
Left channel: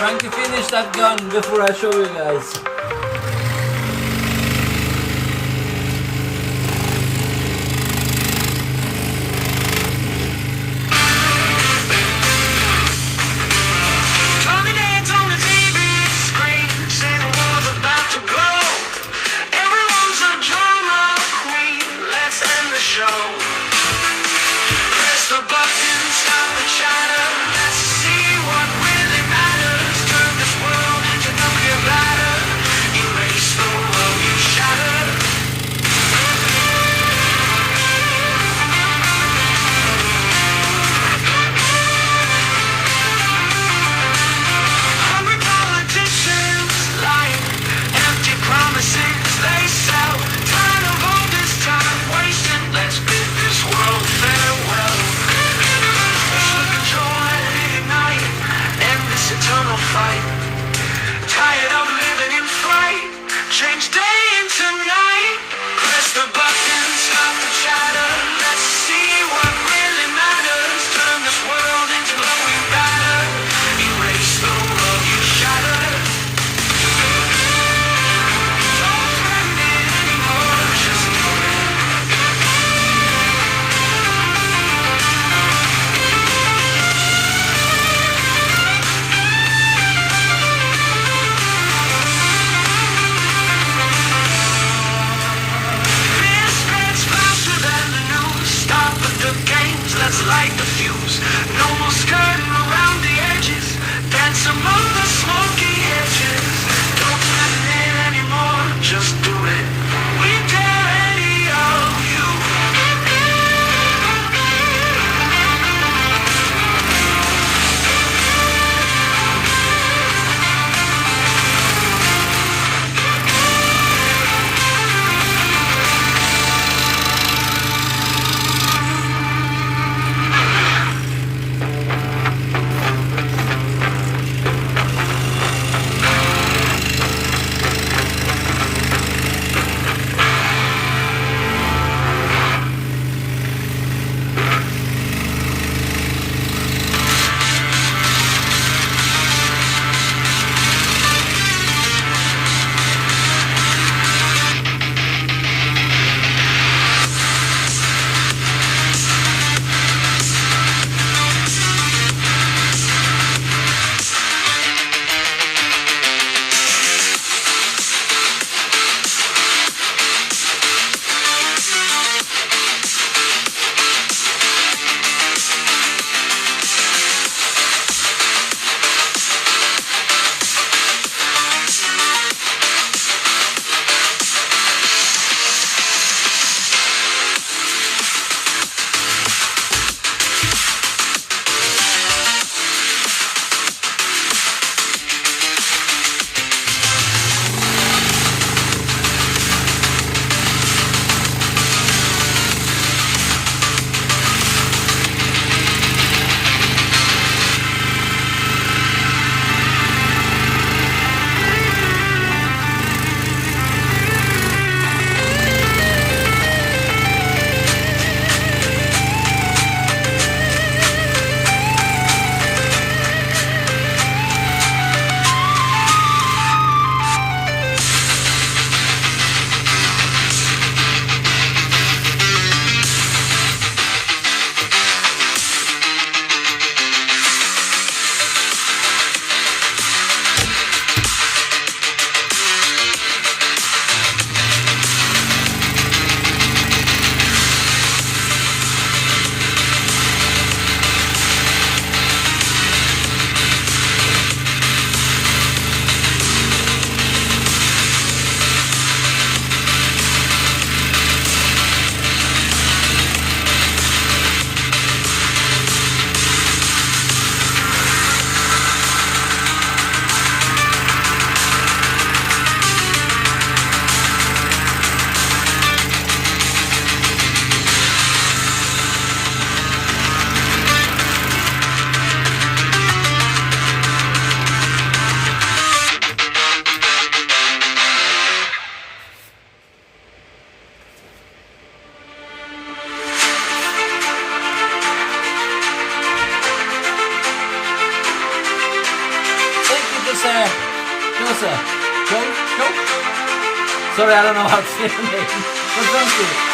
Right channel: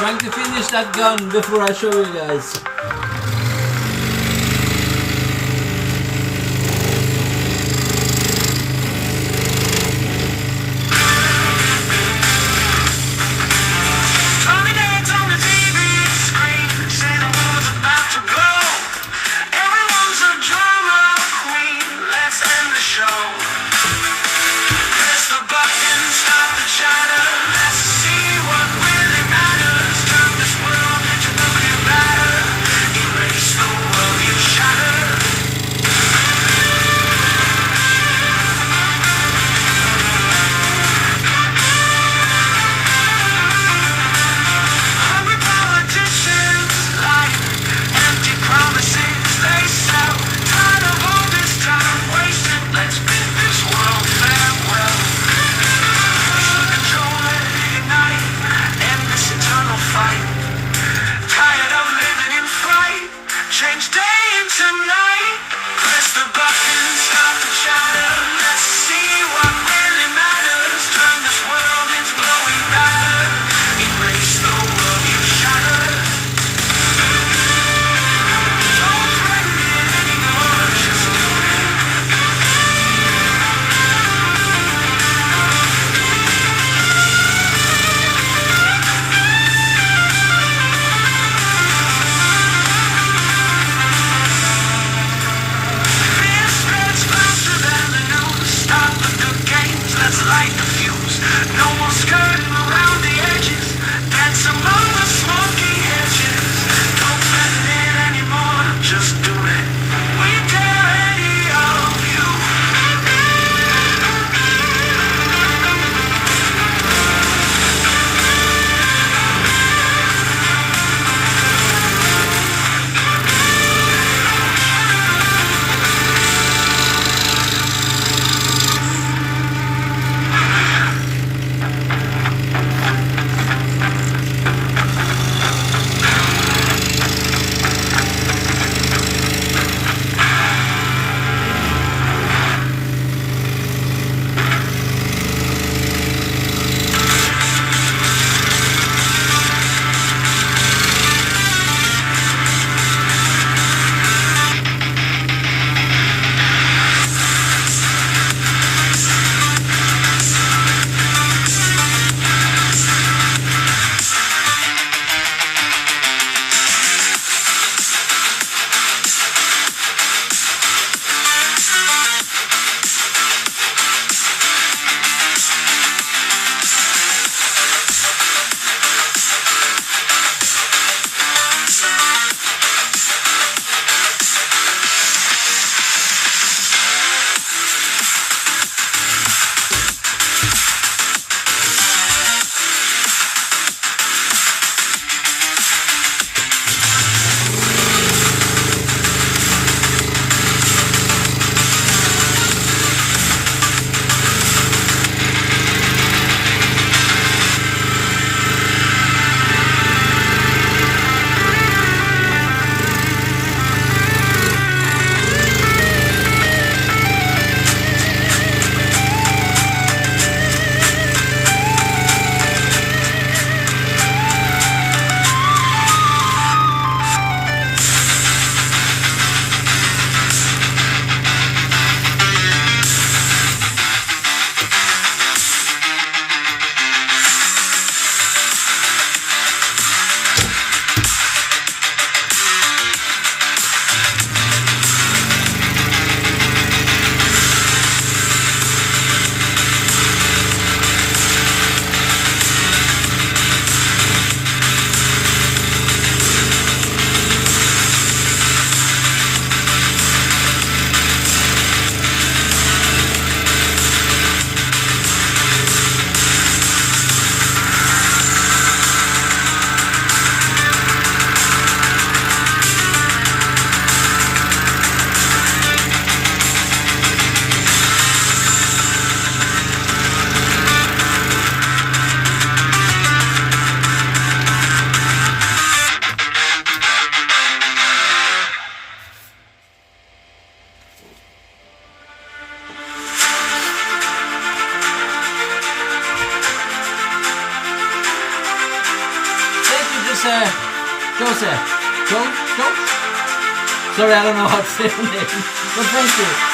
trying to finish that gun before I show you guys. Joseph. Joe? Sorry, I don't know how to say your name. But thank you.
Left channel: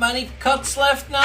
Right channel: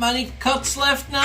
not many cuts left now.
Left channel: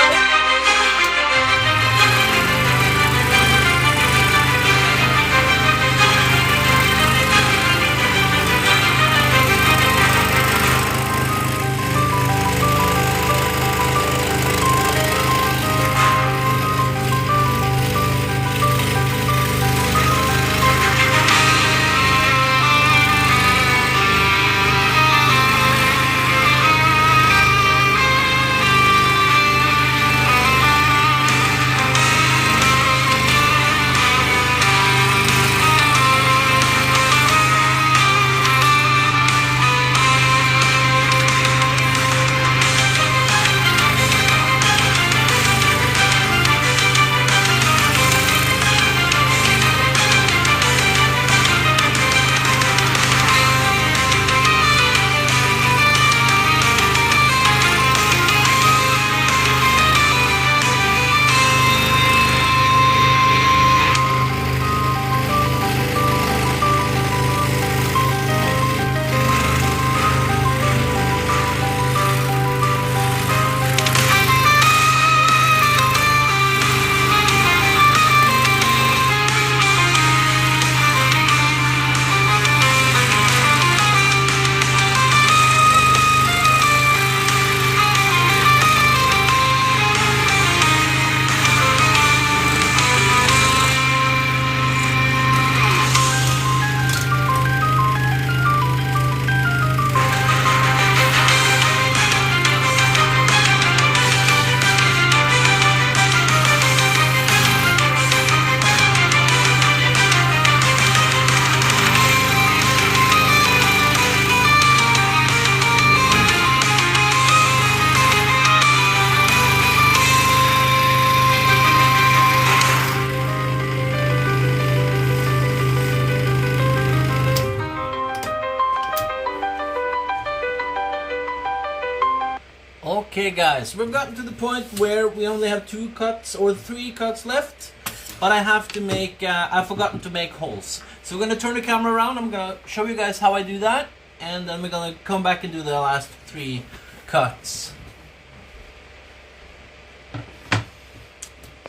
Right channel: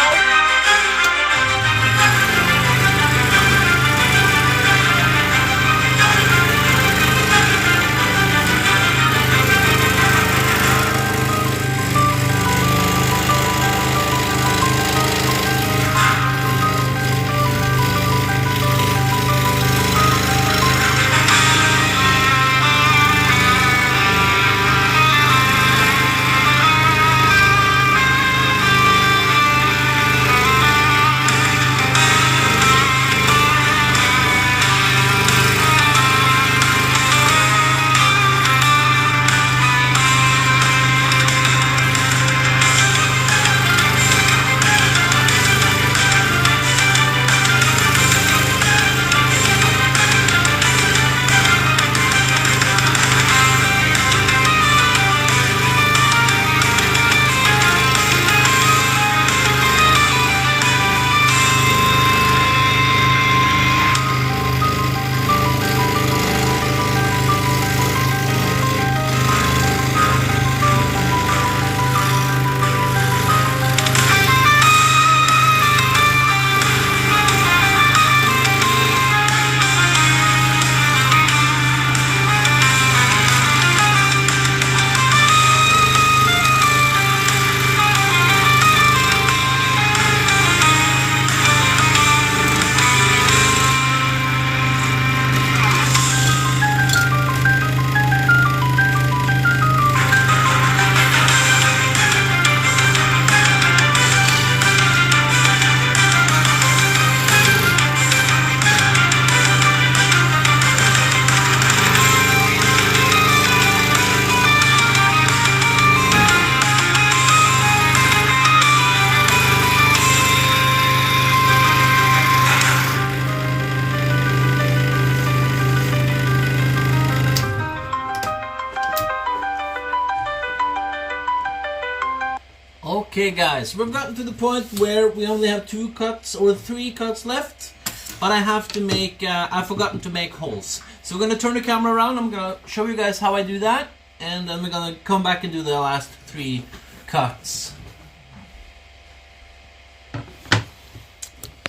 Okay guys, we've gotten to the point where we only have 2 cuts or 3 cuts left, but I have to make, I've forgotten to make holes. So we're gonna turn the camera around, I'm gonna show you guys how I do that, and then we're gonna come back and do the last 3 cuts.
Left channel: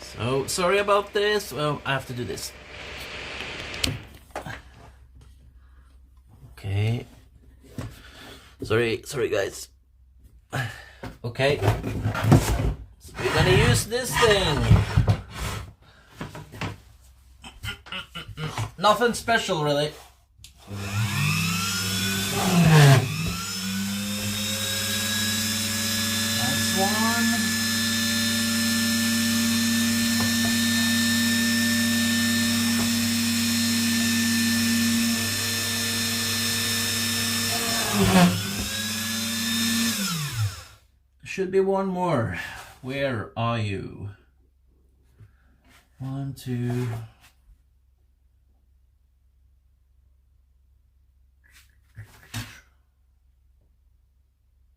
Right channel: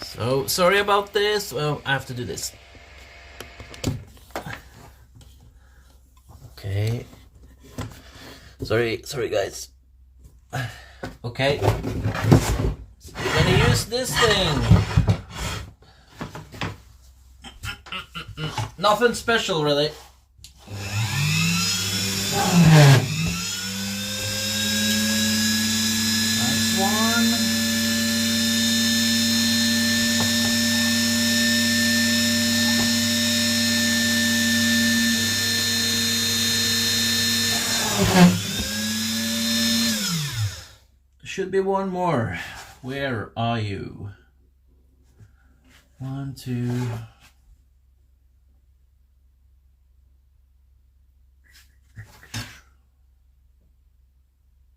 So, sorry about this, well, I have to do this. Okay. Sorry guys. Okay, so we're gonna use this thing. Nothing special really. That's one. Should be one more. Where are you? 1, 2.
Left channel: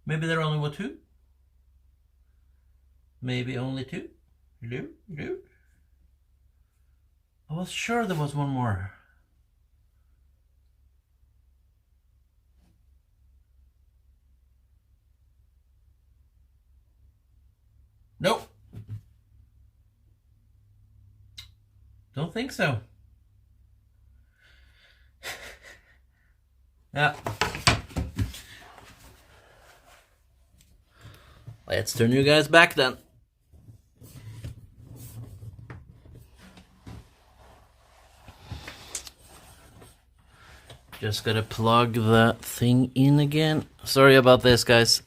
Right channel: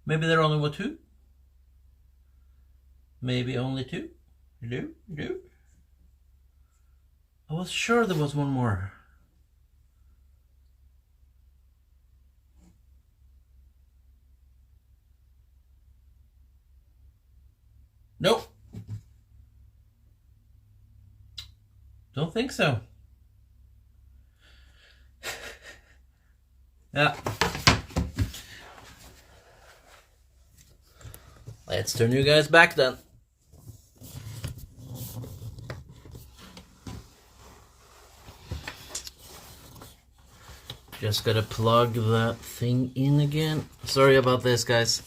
Maybe there only were 2. Maybe only 2. No. I was sure there was one more. Nope. Don't think so. Yeah. Let's turn you guys back then. Just gotta plug that thing in again. Sorry about this, guys.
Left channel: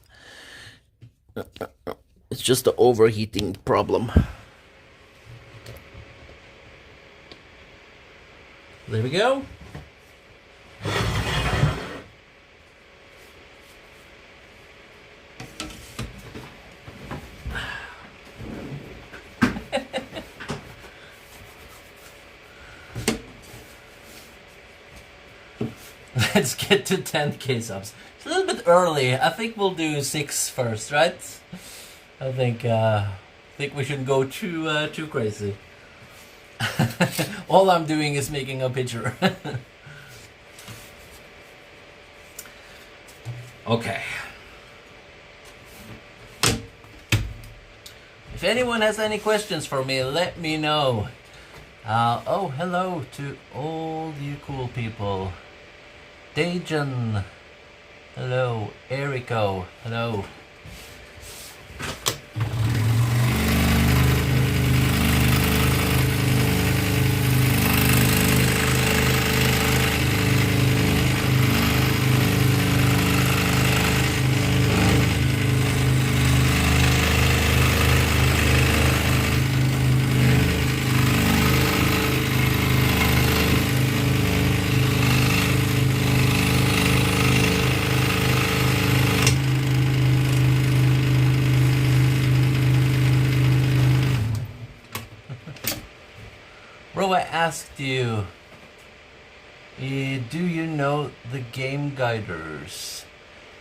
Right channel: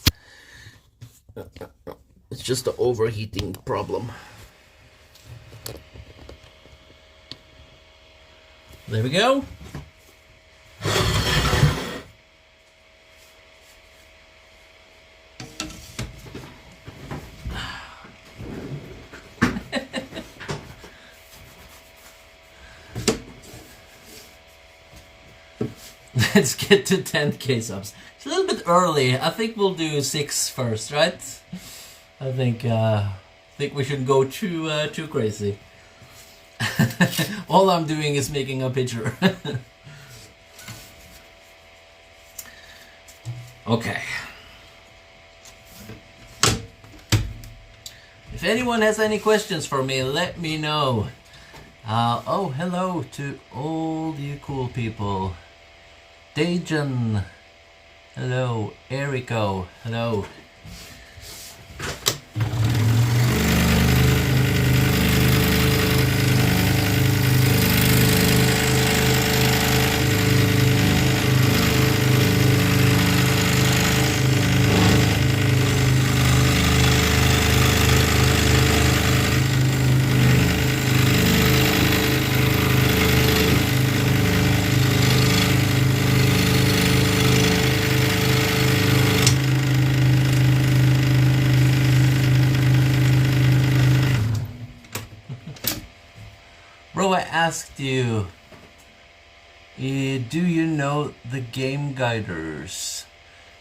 It's just the overheating problem. There we go. Let's get to 10k subs. It's a little bit early. I think we'll do 6 first, right? I think we shouldn't go too crazy. All I'm doing is making a picture. Okay. If anyone has any questions for me, let me know. Oh, hello to all you cool people. Dejan. Hello. Erico. Hello. Bro, I asked you, do you know the game guiders?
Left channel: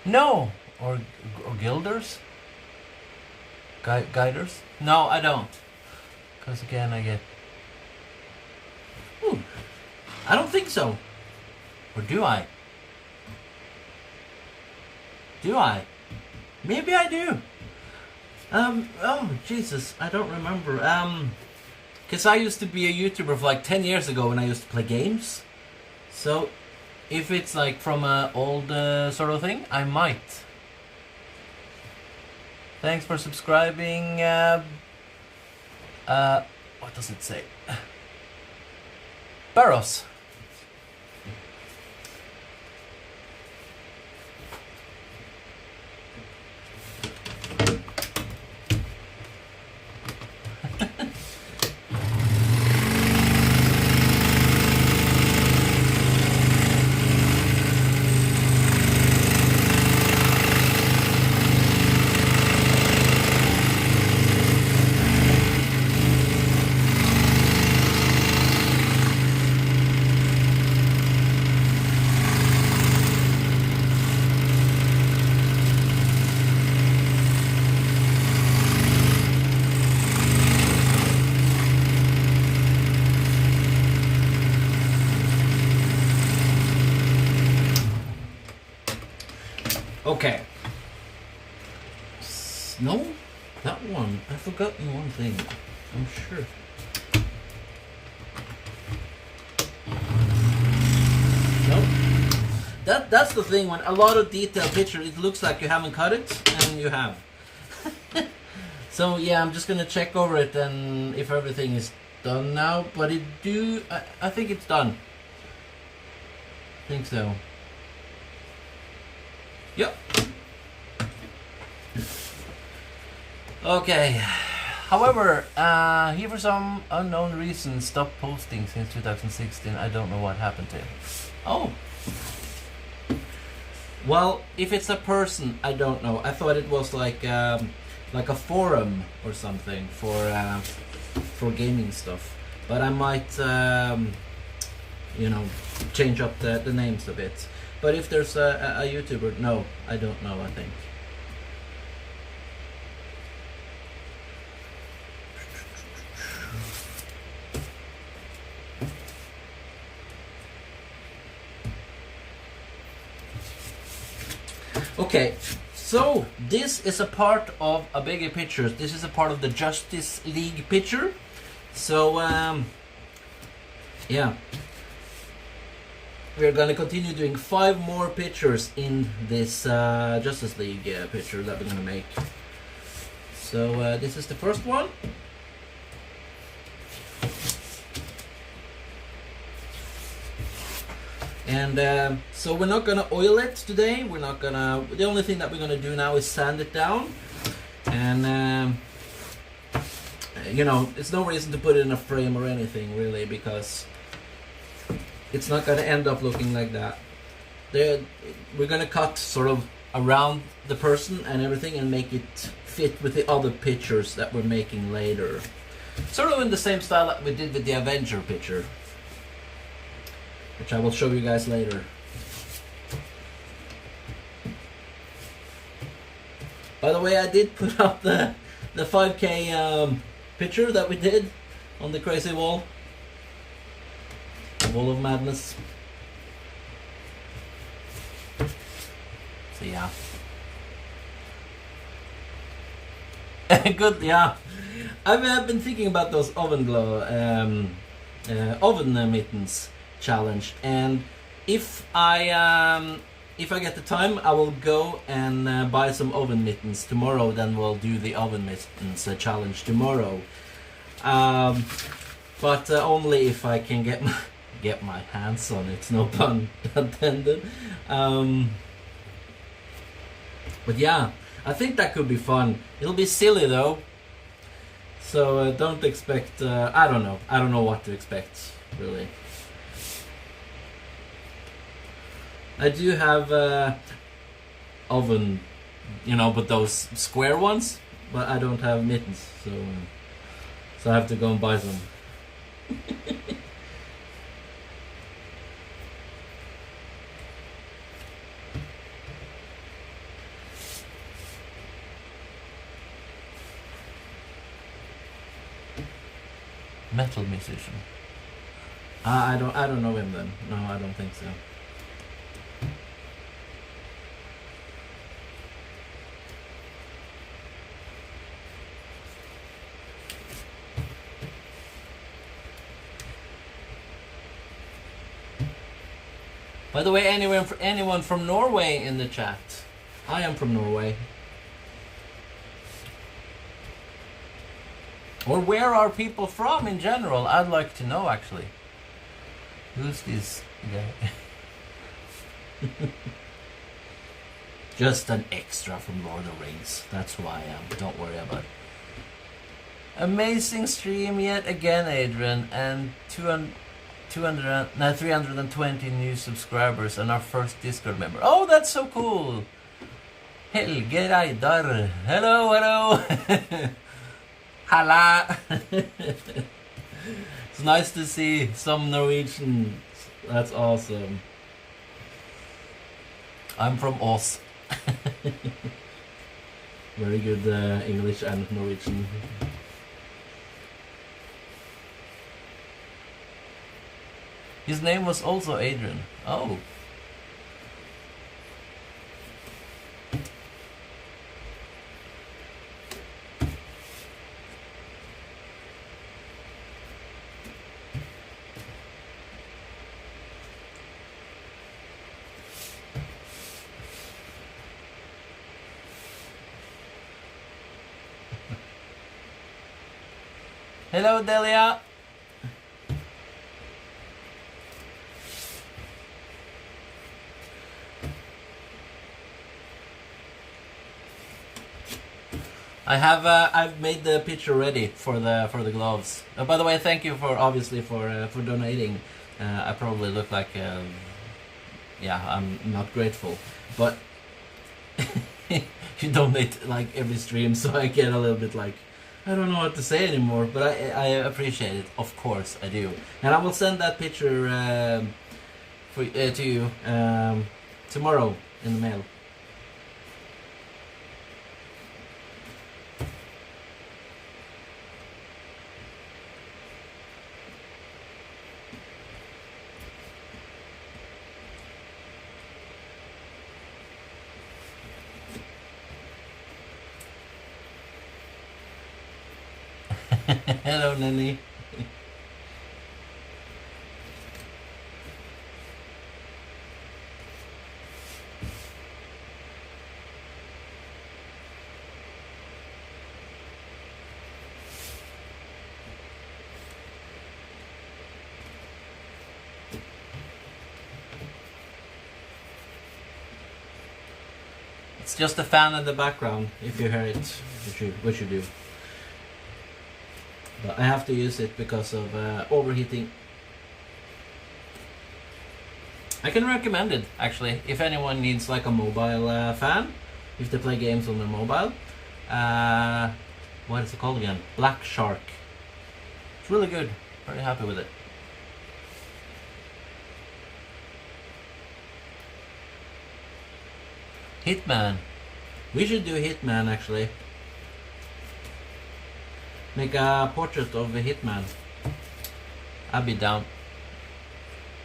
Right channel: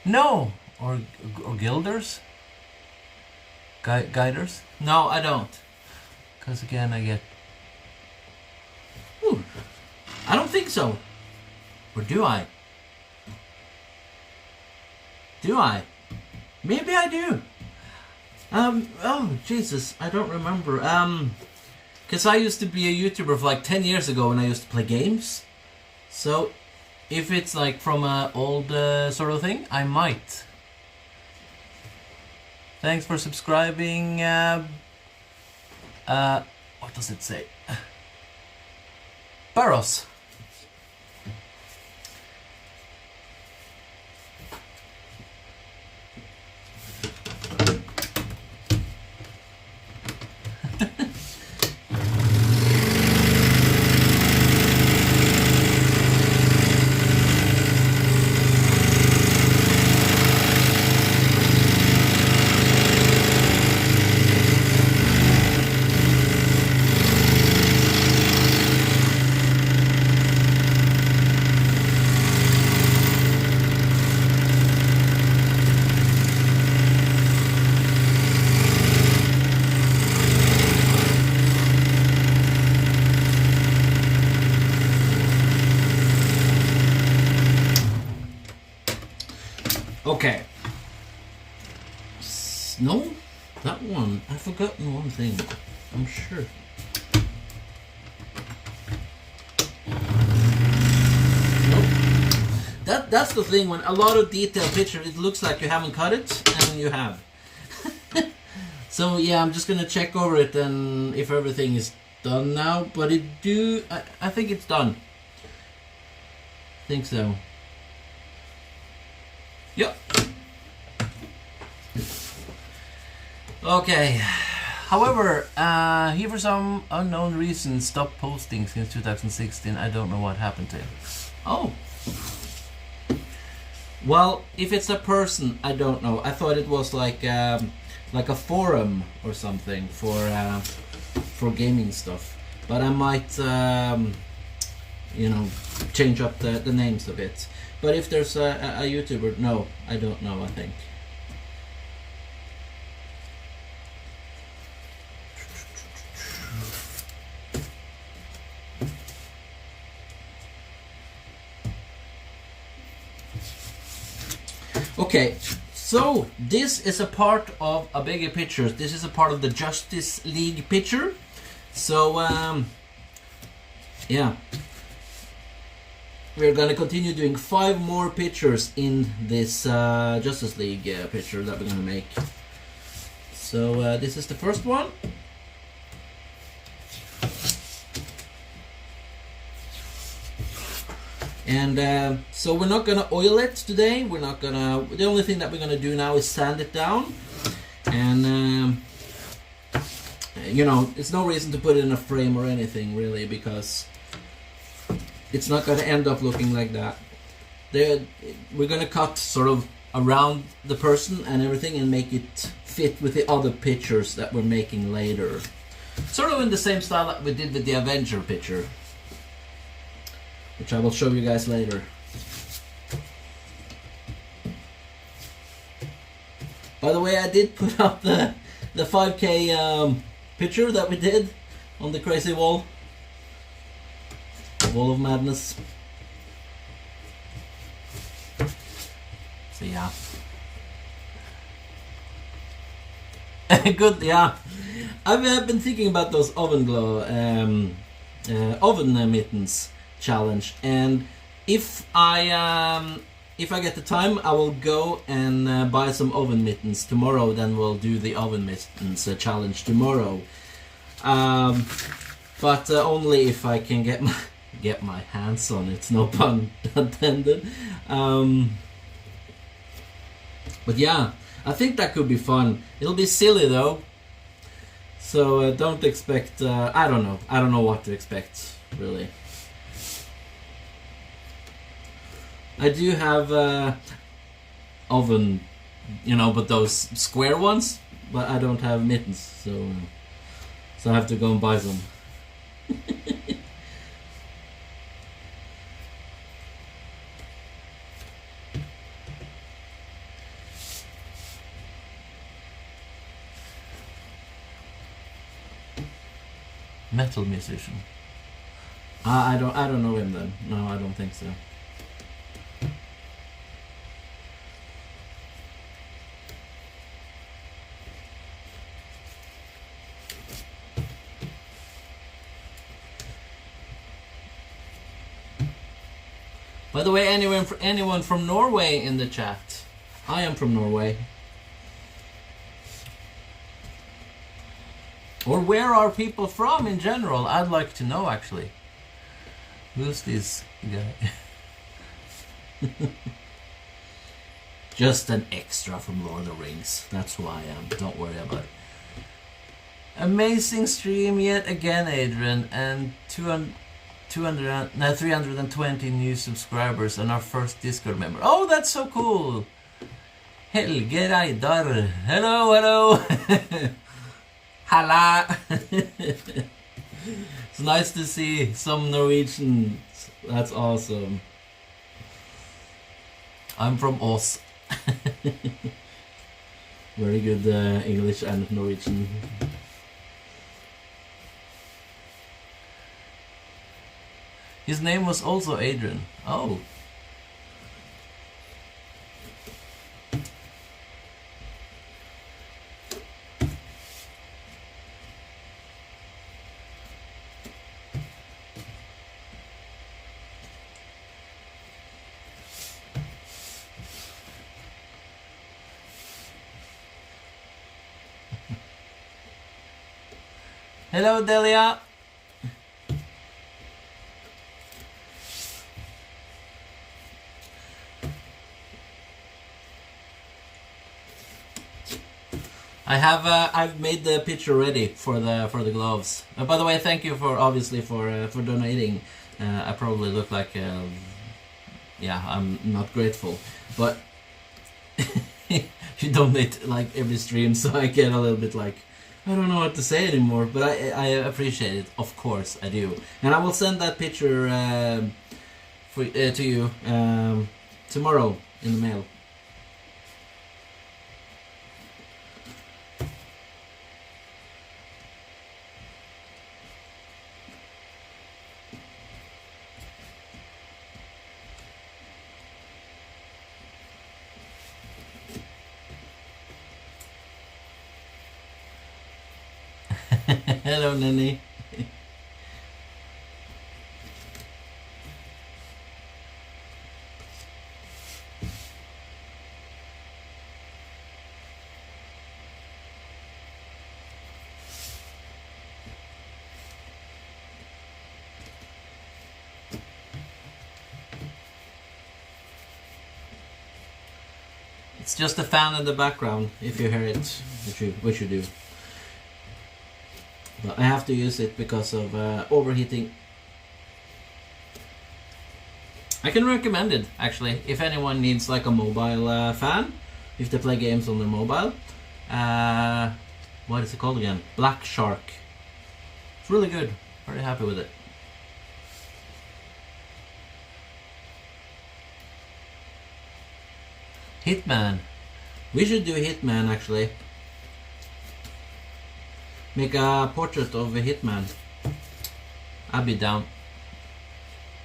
No, or guilders? Guiders? No, I don't. Because again, I get... Ooh, I don't think so. Or do I? Do I? Maybe I do. Oh, Jesus, I don't remember. Because I used to be a YouTuber for like 10 years ago when I used to play games. So, if it's like from an old sort of thing, I might. Thanks for subscribing. What does it say? Barros. Okay. No, that one. I've forgotten one thing. I'm sure. Nope. That's the thing. When a lot of detailed picture, it looks like you haven't cut it, and you have. So yeah, I'm just gonna check over it and if everything is done now. But I think it's done. I think so. Yep. Okay. However, he for some unknown reason stopped posting since 2016. I don't know what happened to him. Oh. Well, if it's a person, I don't know. I thought it was like a forum or something for gaming stuff. But I might, you know, change up the names a bit. But if there's a YouTuber, no, I don't know, I think. Okay, so this is a part of a bigger picture. This is a part of the Justice League picture. So, yeah. We're gonna continue doing 5 more pictures in this Justice League picture that we're gonna make. So this is the first one. And so we're not gonna oil it today. We're not gonna. The only thing that we're gonna do now is sand it down. And you know, it's no reason to put it in a frame or anything really, because it's not going to end up looking like that. We're going to cut sort of around the person and everything and make it fit with the other pictures that we're making later. Sort of in the same style that we did with the Avenger picture, which I will show you guys later. By the way, I did put up the 5K picture that we did on the crazy wall. Wall of Madness. So yeah. Good, yeah. I've been thinking about those oven mittens challenge, and if I get the time, I will go and buy some oven mittens tomorrow. Then we'll do the oven mittens challenge tomorrow. But only if I can get my hands on it. No pun intended. But yeah, I think that could be fun. It'll be silly though. So don't expect. I don't know. I don't know what to expect really. I do have oven, but those square ones. But I don't have mittens, so I have to go and buy some. Metal musician. I don't know him then. No, I don't think so. By the way, anyone from Norway in the chat? I am from Norway. Or where are people from in general? I'd like to know actually. Who's this guy? Just an extra from Lord of the Rings. That's who I am. Don't worry about it. Amazing stream yet again, Adrian, and 320 new subscribers and our first Discord member. Oh, that's so cool! Helge Reidar. Hello. Halla! It's nice to see some Norwegians. That's awesome. I'm from Ås. Very good English and Norwegian. His name was also Adrian. Oh. Hello, Delia. I've made the picture ready for the gloves. By the way, thank you for donating. I probably look like I'm not grateful, but you donate like every stream, so I get a little bit like I don't know what to say anymore. But I appreciate it, of course I do, and I will send that picture to you tomorrow in the mail. Hello, Nenny. It's just a fan in the background, if you hear it, which you do. But I have to use it because of overheating. I can recommend it, actually, if anyone needs like a mobile fan, if they play games on their mobile. What is it called again? Black Shark. It's really good. Very happy with it. Hitman. We should do Hitman, actually. Make a portrait of a Hitman. I'll be down.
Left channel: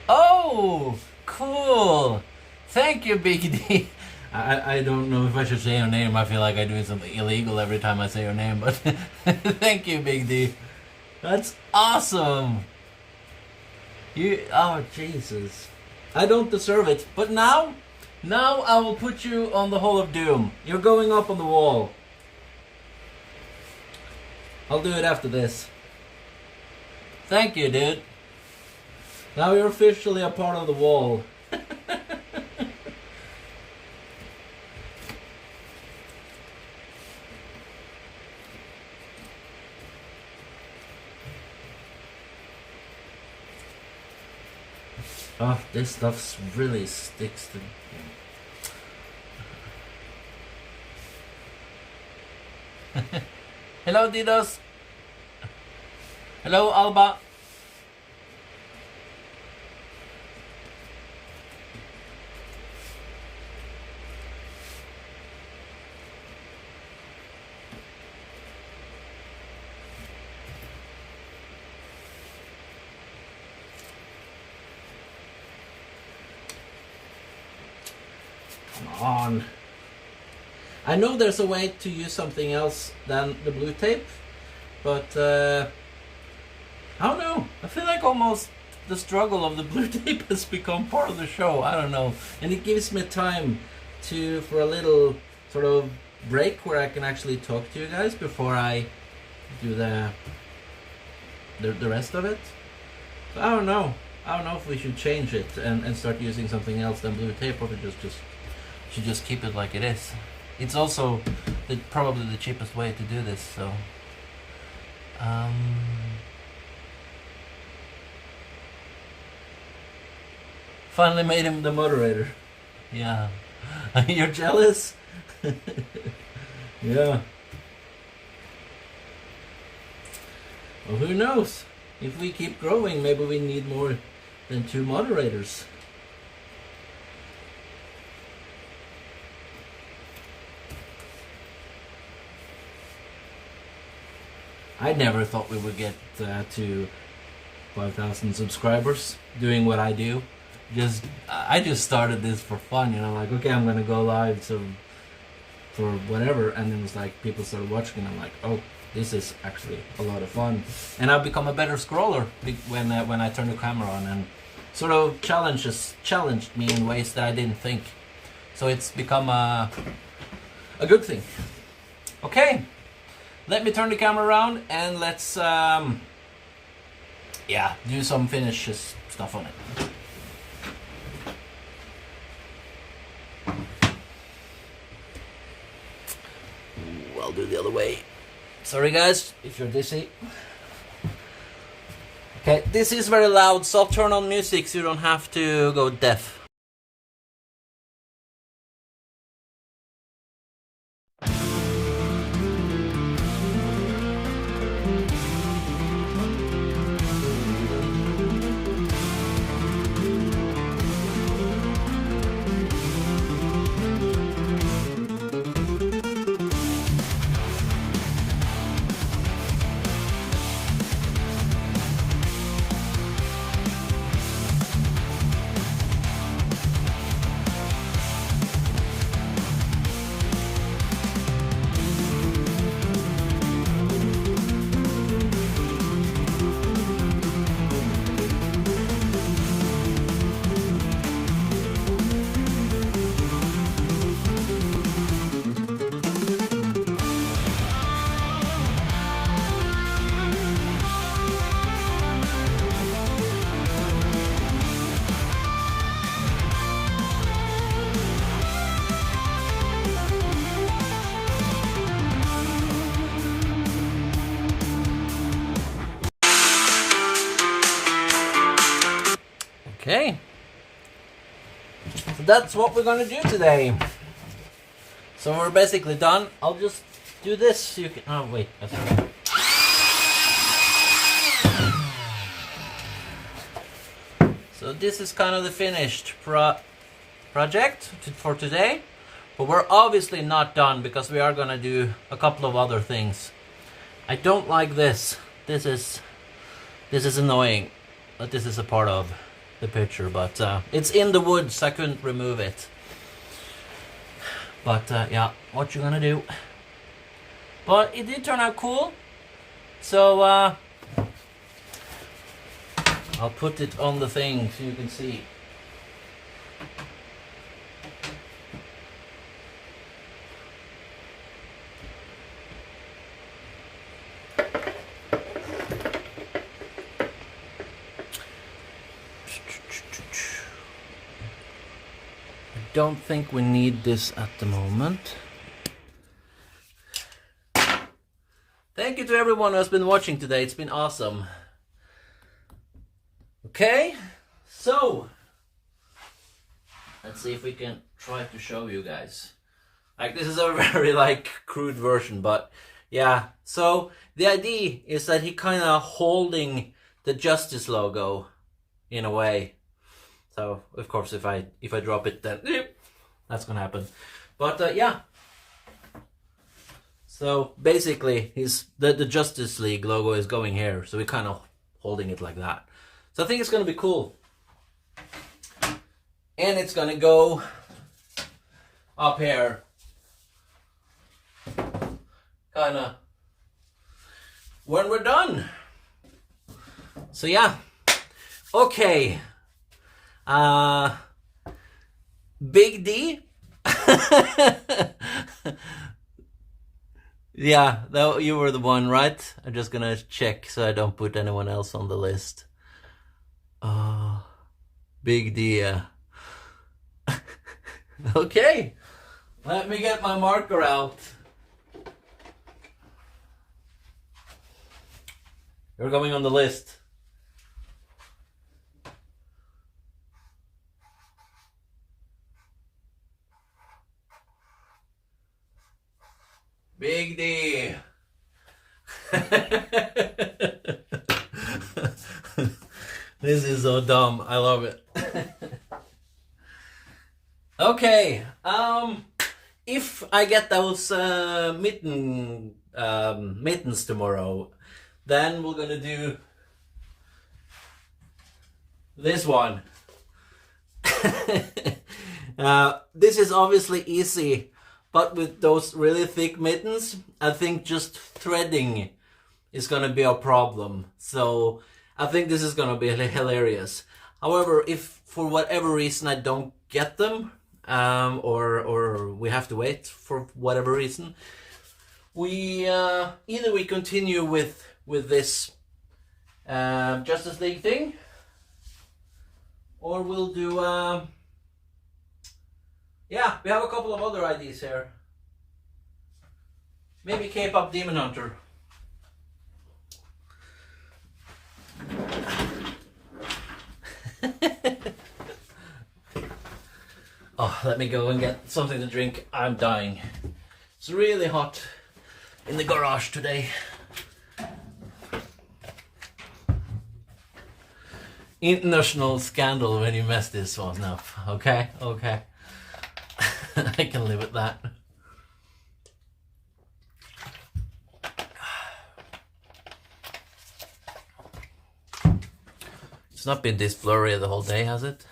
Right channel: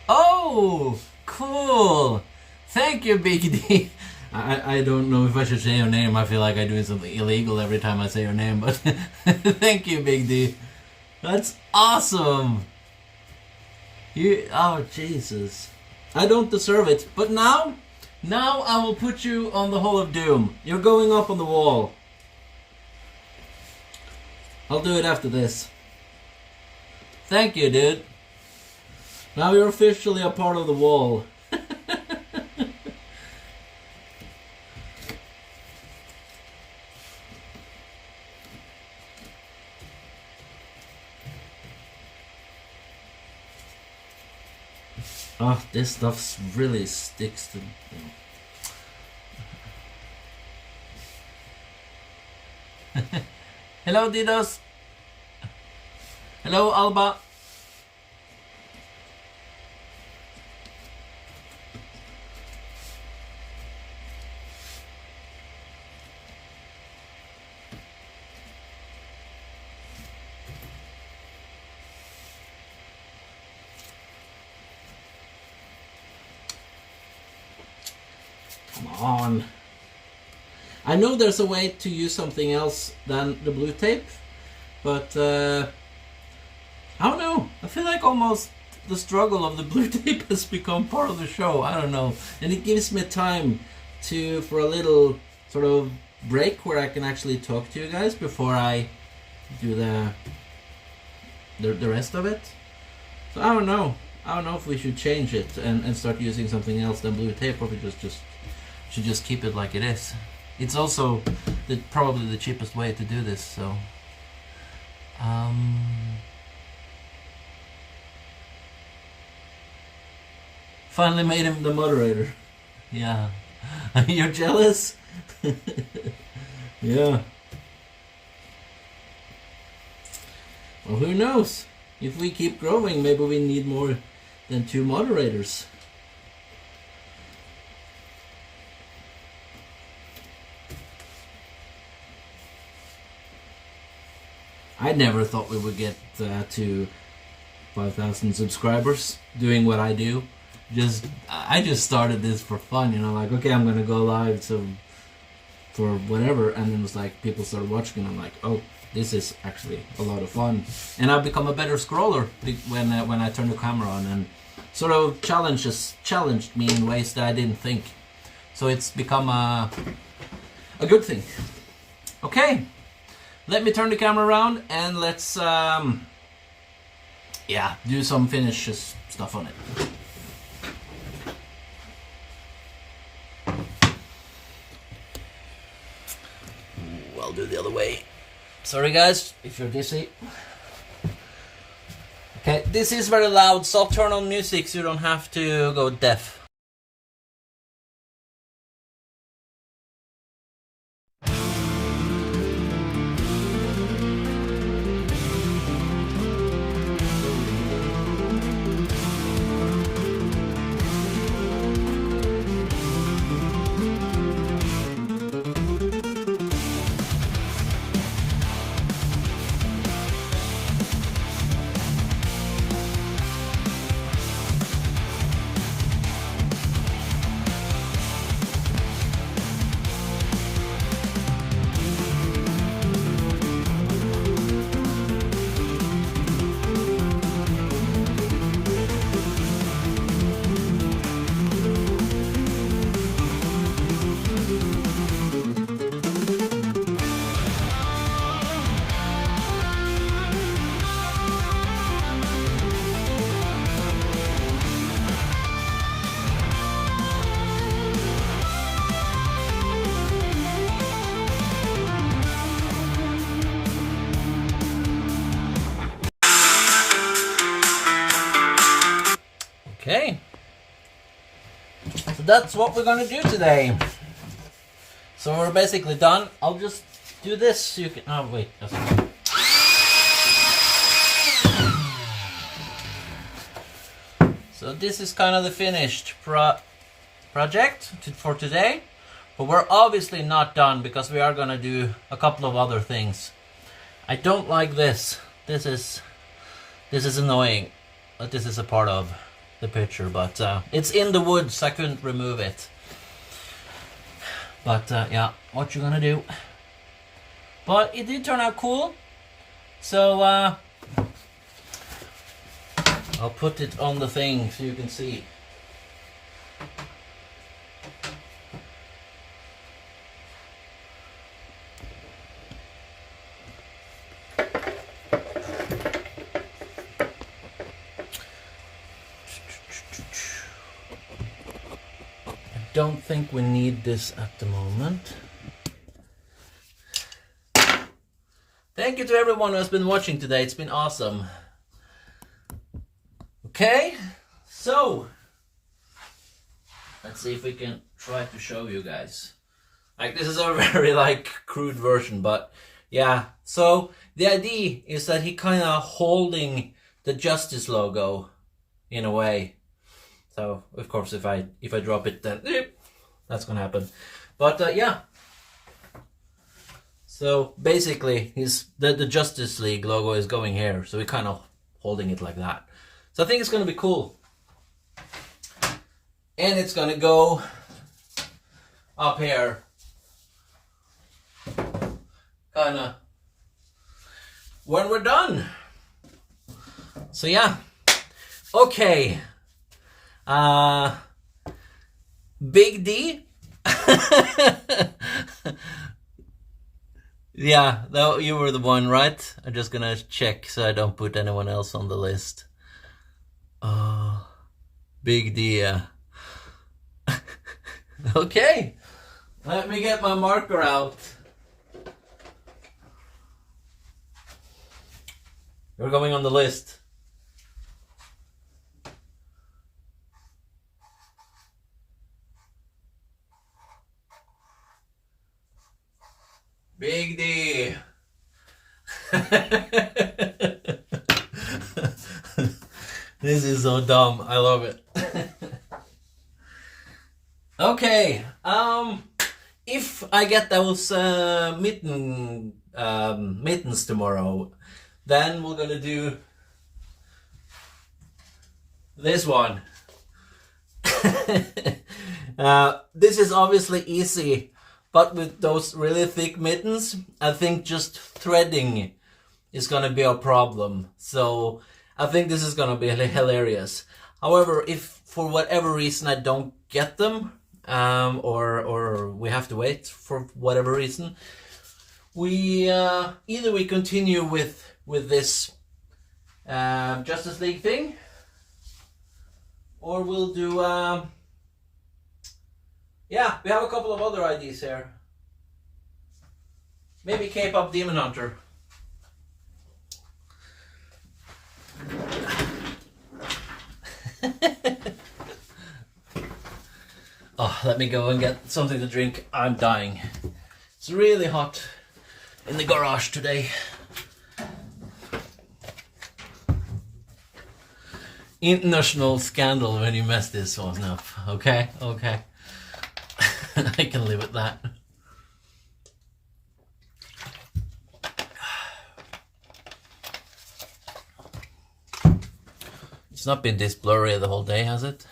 Oh, cool! Thank you, Big D. I don't know if I should say your name. I feel like I'm doing something illegal every time I say your name, but thank you, Big D. That's awesome. Oh Jesus. I don't deserve it, but now I will put you on the Hall of Doom. You're going up on the wall. I'll do it after this. Thank you, dude. Now you're officially a part of the wall. Oh, this stuff really sticks to... Hello, Didos. Hello, Alba. Come on. I know there's a way to use something else than the blue tape, but I don't know. I feel like almost the struggle of the blue tape has become part of the show. I don't know. And it gives me time for a little sort of break where I can actually talk to you guys before I do the rest of it. So I don't know. I don't know if we should change it and start using something else than blue tape, or if we should just keep it like it is. It's also probably the cheapest way to do this, so finally made him the moderator. Yeah. You're jealous? Yeah. Well, who knows? If we keep growing, maybe we need more than 2 moderators. I never thought we would get to 5,000 subscribers doing what I do. I just started this for fun, you know, like, okay, I'm gonna go live for whatever, and then it was like people started watching, and I'm like, oh, this is actually a lot of fun, and I've become a better scroller when I turn the camera on, and sort of challenged me in ways that I didn't think. So it's become a good thing. Okay. Let me turn the camera around and let's do some finish stuff on it. Ooh, I'll do the other way. Sorry guys, if you're dizzy. Okay, this is very loud, so I'll turn on music so you don't have to go deaf. Okay, so that's what we're gonna do today. So we're basically done. I'll just do this so you can... Oh wait, that's okay. So this is kind of the finished project for today. But we're obviously not done because we are gonna do a couple of other things. I don't like this. This is annoying that this is a part of the picture, but it's in the woods, I couldn't remove it. But yeah, what you gonna do? But it did turn out cool. So I'll put it on the thing so you can see. I don't think we need this at the moment. Thank you to everyone who has been watching today. It's been awesome. Okay, so let's see if we can try to show you guys. Like, this is a very like crude version, but yeah. So the idea is that he kind of holding the Justice logo in a way. So of course, if I drop it, then that's gonna happen. But yeah. So basically, the Justice League logo is going here, so we're kind of holding it like that. So I think it's gonna be cool, and it's gonna go up here, kind of when we're done. So yeah, okay. Big D. Yeah, that you were the one, right? I'm just gonna check so I don't put anyone else on the list. Big D. Okay, let me get my marker out. You're going on the list. Big D. This is so dumb. I love it. Okay. If I get those mittens tomorrow, then we're gonna do this one. This is obviously easy. But with those really thick mittens, I think just threading is gonna be a problem. So I think this is gonna be hilarious. However, if for whatever reason I don't get them, or we have to wait for whatever reason, we either we continue with this Justice League thing, or we'll do. Yeah, we have a couple of other ideas here. Maybe K-pop Demon Hunter. Oh, let me go and get something to drink. I'm dying. It's really hot in the garage today. International scandal when you mess this one up. Okay, okay. I can live with that. It's not been this blurry the whole day, has it?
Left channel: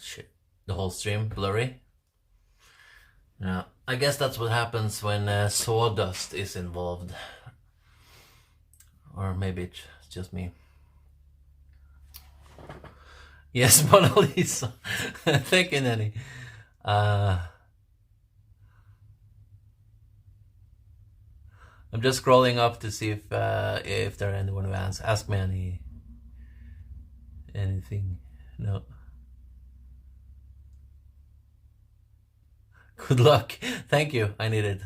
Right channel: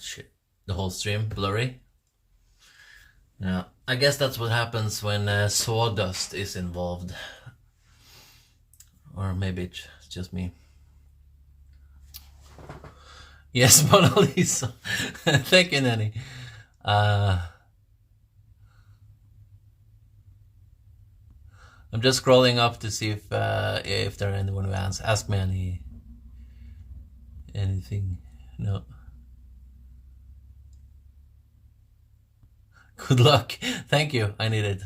Shit, the whole stream blurry. Yeah, I guess that's what happens when sawdust is involved. Or maybe it's just me. Yes, Mona Lisa. Thank you, Nanny. I'm just scrolling up to see if there are anyone who ask me anything. No. Good luck. Thank you. I need it.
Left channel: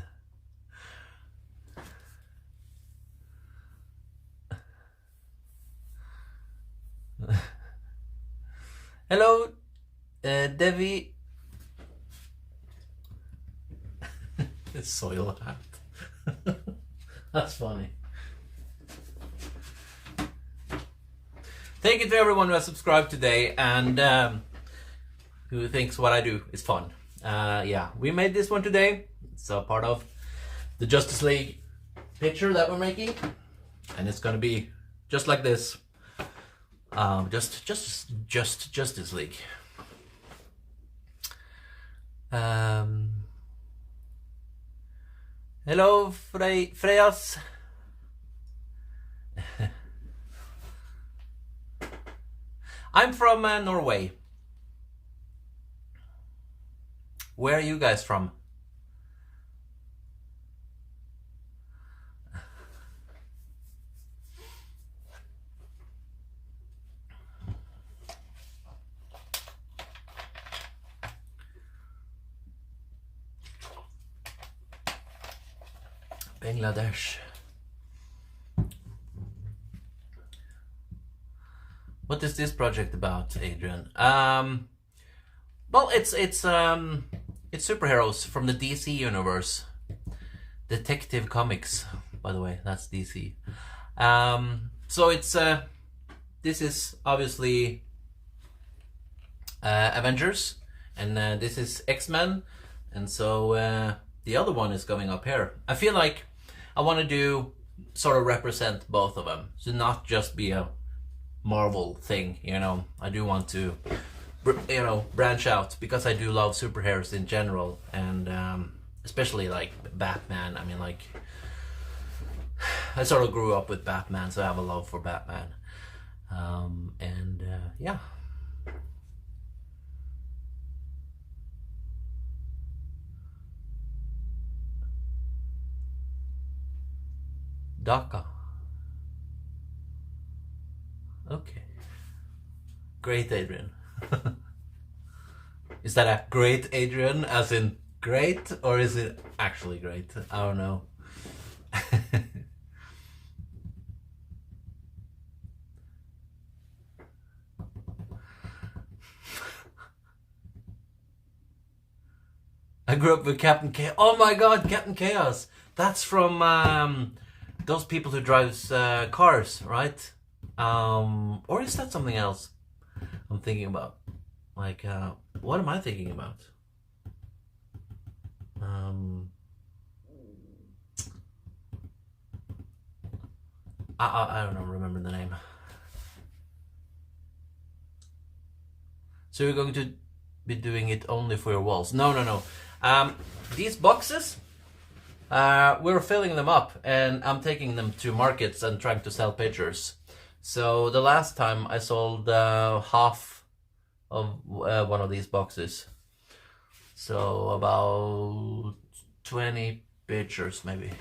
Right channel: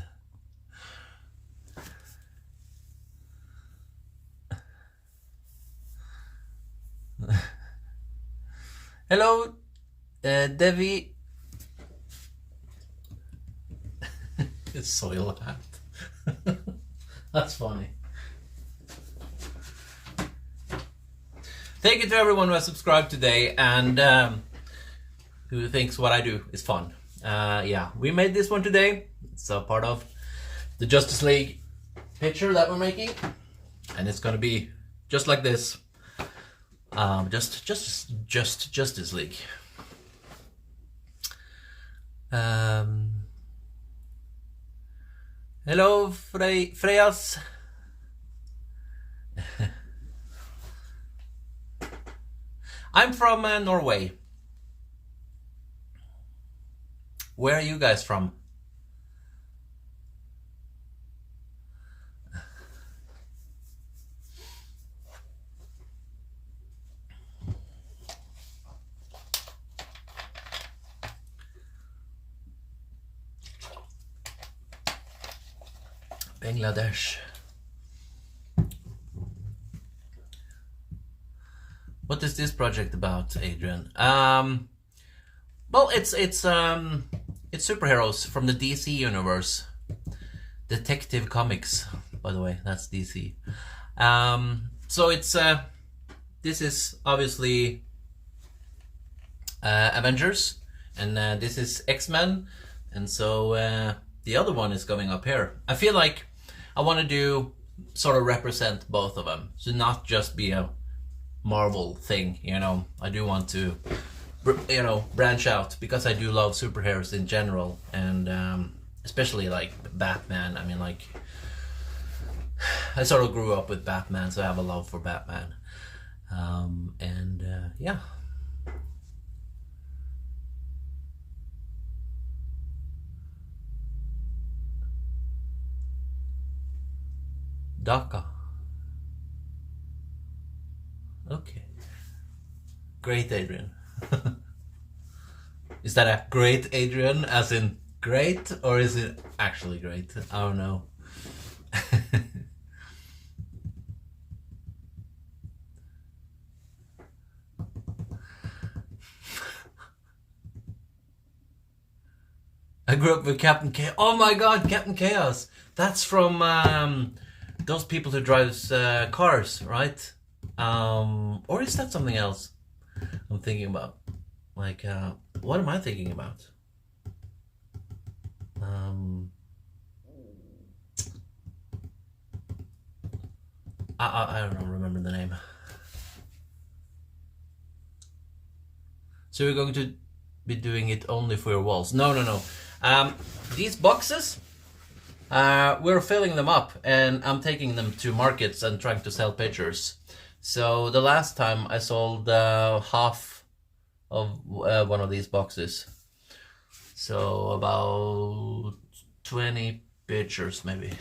Hello, Devi. Soil hat. That's funny. Thank you to everyone who has subscribed today and who thinks what I do is fun. Yeah, we made this one today. It's a part of the Justice League picture that we're making, and it's gonna be just like this. Just Justice League. Hello, Freyas. I'm from Norway. Where are you guys from? Bangladesh. What is this project about, Adrian? Well, it's superheroes from the DC universe. Detective Comics, by the way, that's DC. So it's this is obviously Avengers, and this is X-Men, and so the other one is going up here. I feel like I want to do sort of represent both of them, so not just be a Marvel thing, you know. I do want to, you know, branch out, because I do love superheroes in general, and especially like Batman. I mean, like, I sort of grew up with Batman, so I have a love for Batman. Yeah. Dhaka. Okay. Great, Adrian. Is that a great Adrian, as in great, or is it actually great? I don't know. I grew up with Captain Chaos. Oh my god, Captain Chaos! That's from those people who drives cars, right? Or is that something else I'm thinking about? Like, what am I thinking about? I don't remember the name. So we're going to be doing it only for your walls? No. These boxes, we're filling them up, and I'm taking them to markets and trying to sell pictures. So the last time I sold half of one of these boxes. So about 20 pictures maybe.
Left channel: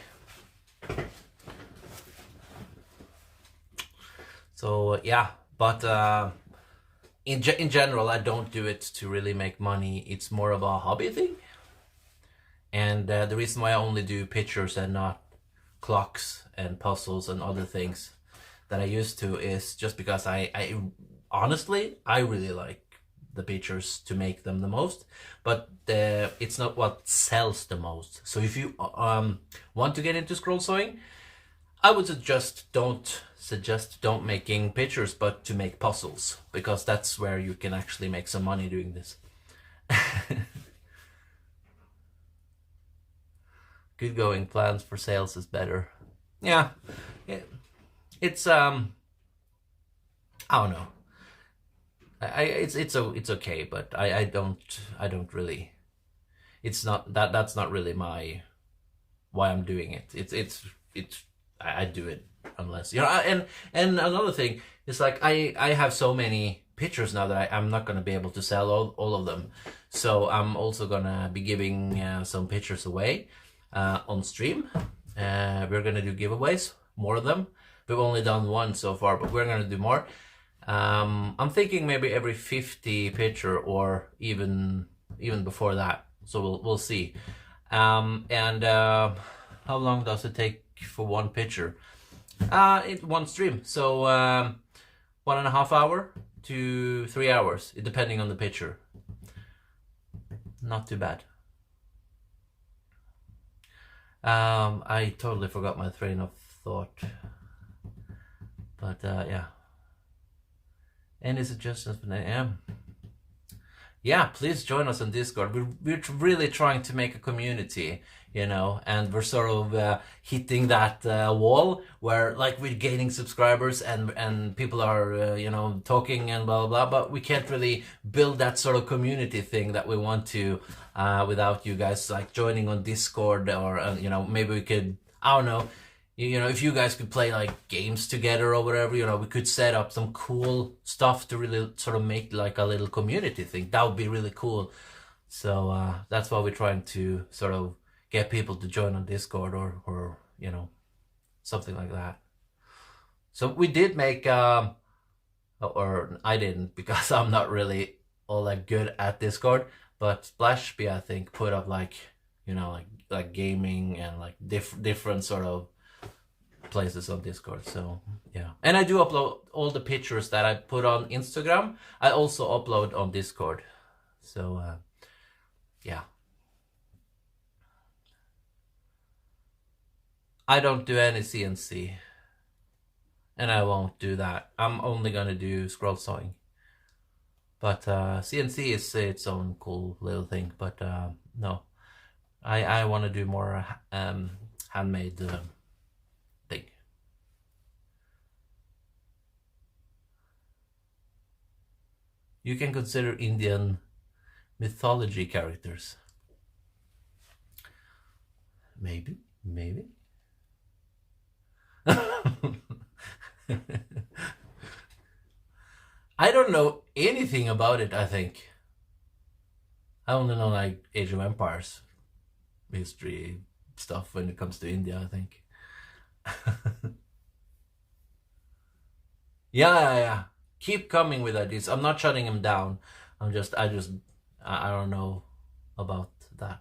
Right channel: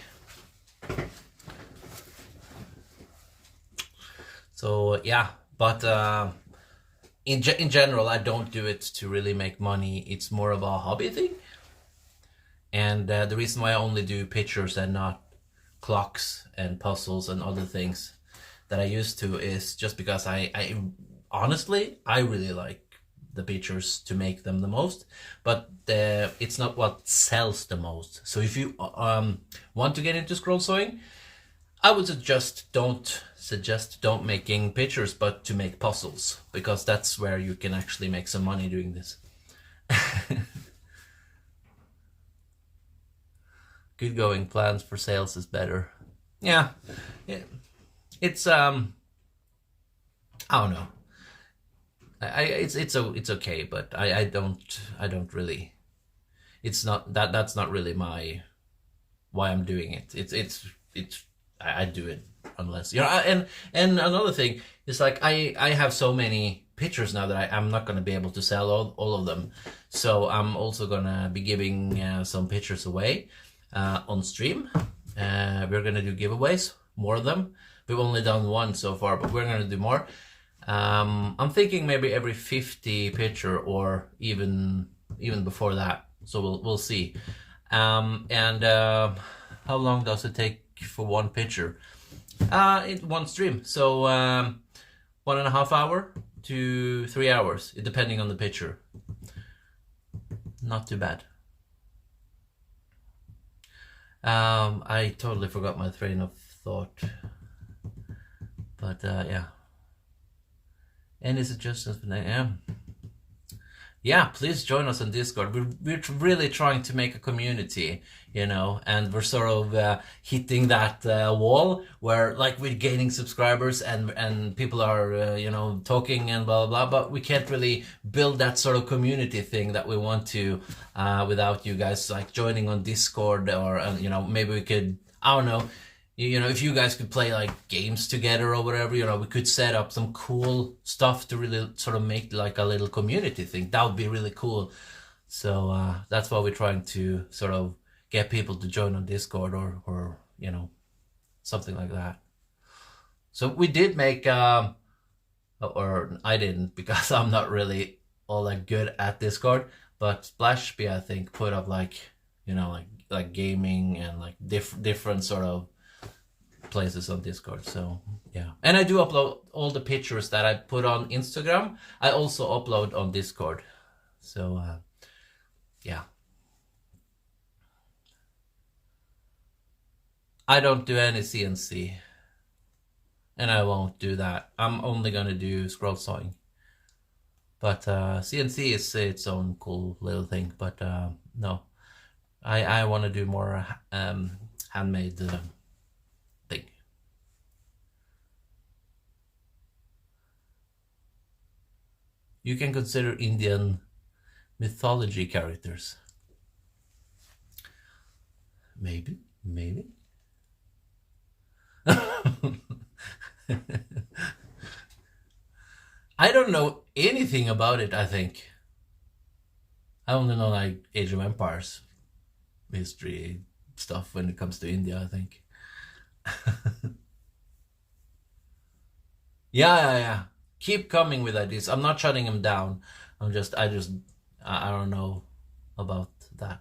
So yeah, but in general, I don't do it to really make money. It's more of a hobby thing. And the reason why I only do pictures and not clocks and puzzles and other things that I used to is just because I honestly, I really like the pictures to make them the most, but it's not what sells the most. So if you want to get into scroll sewing, I would suggest don't making pictures, but to make puzzles, because that's where you can actually make some money doing this. Good going, plans for sales is better. Yeah. It's I don't know. It's okay, but I don't really. It's not that's not really why I'm doing it. I do it unless, you know. And another thing is, like, I have so many pictures now that I'm not gonna be able to sell all of them. So I'm also gonna be giving some pictures away on stream. We're gonna do giveaways, more of them. We've only done one so far, but we're gonna do more. I'm thinking maybe every 50 picture, or even before that. So we'll see. How long does it take for one picture? One stream. So 1.5 hours to 3 hours, depending on the picture. Not too bad. I totally forgot my train of thought. But yeah. Any suggestions for 9 a.m.? yeah, please join us on Discord. We're really trying to make a community, you know, and we're sort of hitting that wall where like we're gaining subscribers and people are you know, talking and blah blah blah, but we can't really build that sort of community thing that we want to without you guys like joining on Discord, or you know, maybe we could, I don't know, you know, if you guys could play like games together or whatever, you know, we could set up some cool stuff to really sort of make like a little community thing. That would be really cool. So that's why we're trying to sort of get people to join on Discord, or you know, something like that. So we did make or I didn't, because I'm not really all that good at Discord, but Splashby I think put up like, you know, like gaming and like different sort of places on Discord. So yeah, and I do upload all the pictures that I put on Instagram. I also upload on Discord. So yeah, I don't do any CNC, and I won't do that. I'm only gonna do scroll sawing, but CNC is its own cool little thing. But no, I want to do more handmade thing. You can consider Indian mythology characters. Maybe. I don't know anything about it, I think. I only know like Age of Empires history stuff when it comes to India, I think. Yeah. Keep coming with ideas. I'm not shutting him down. I don't know about that.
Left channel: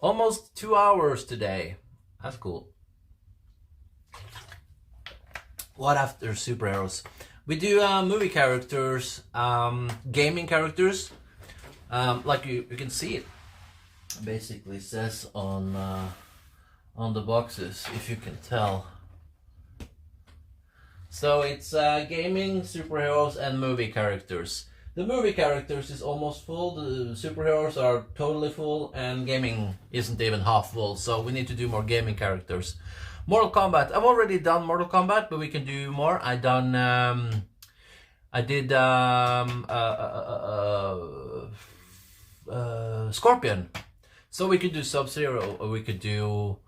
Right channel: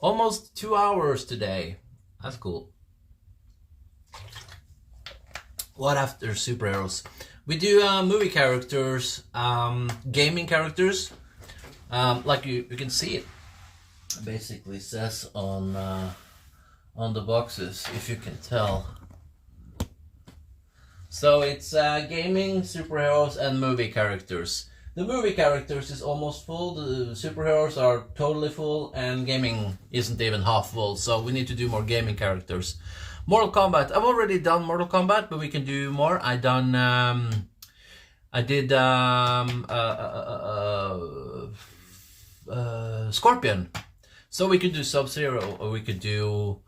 Almost 2 hours today. That's cool. What after superheroes? We do movie characters, gaming characters. Like you can see it. Basically says on the boxes, if you can tell. So it's gaming, superheroes, and movie characters. The movie characters is almost full, the superheroes are totally full, and gaming isn't even half full, so we need to do more gaming characters. Mortal Kombat. I've already done Mortal Kombat, but we can do more. I did Scorpion. So we could do Sub-Zero, or we could do...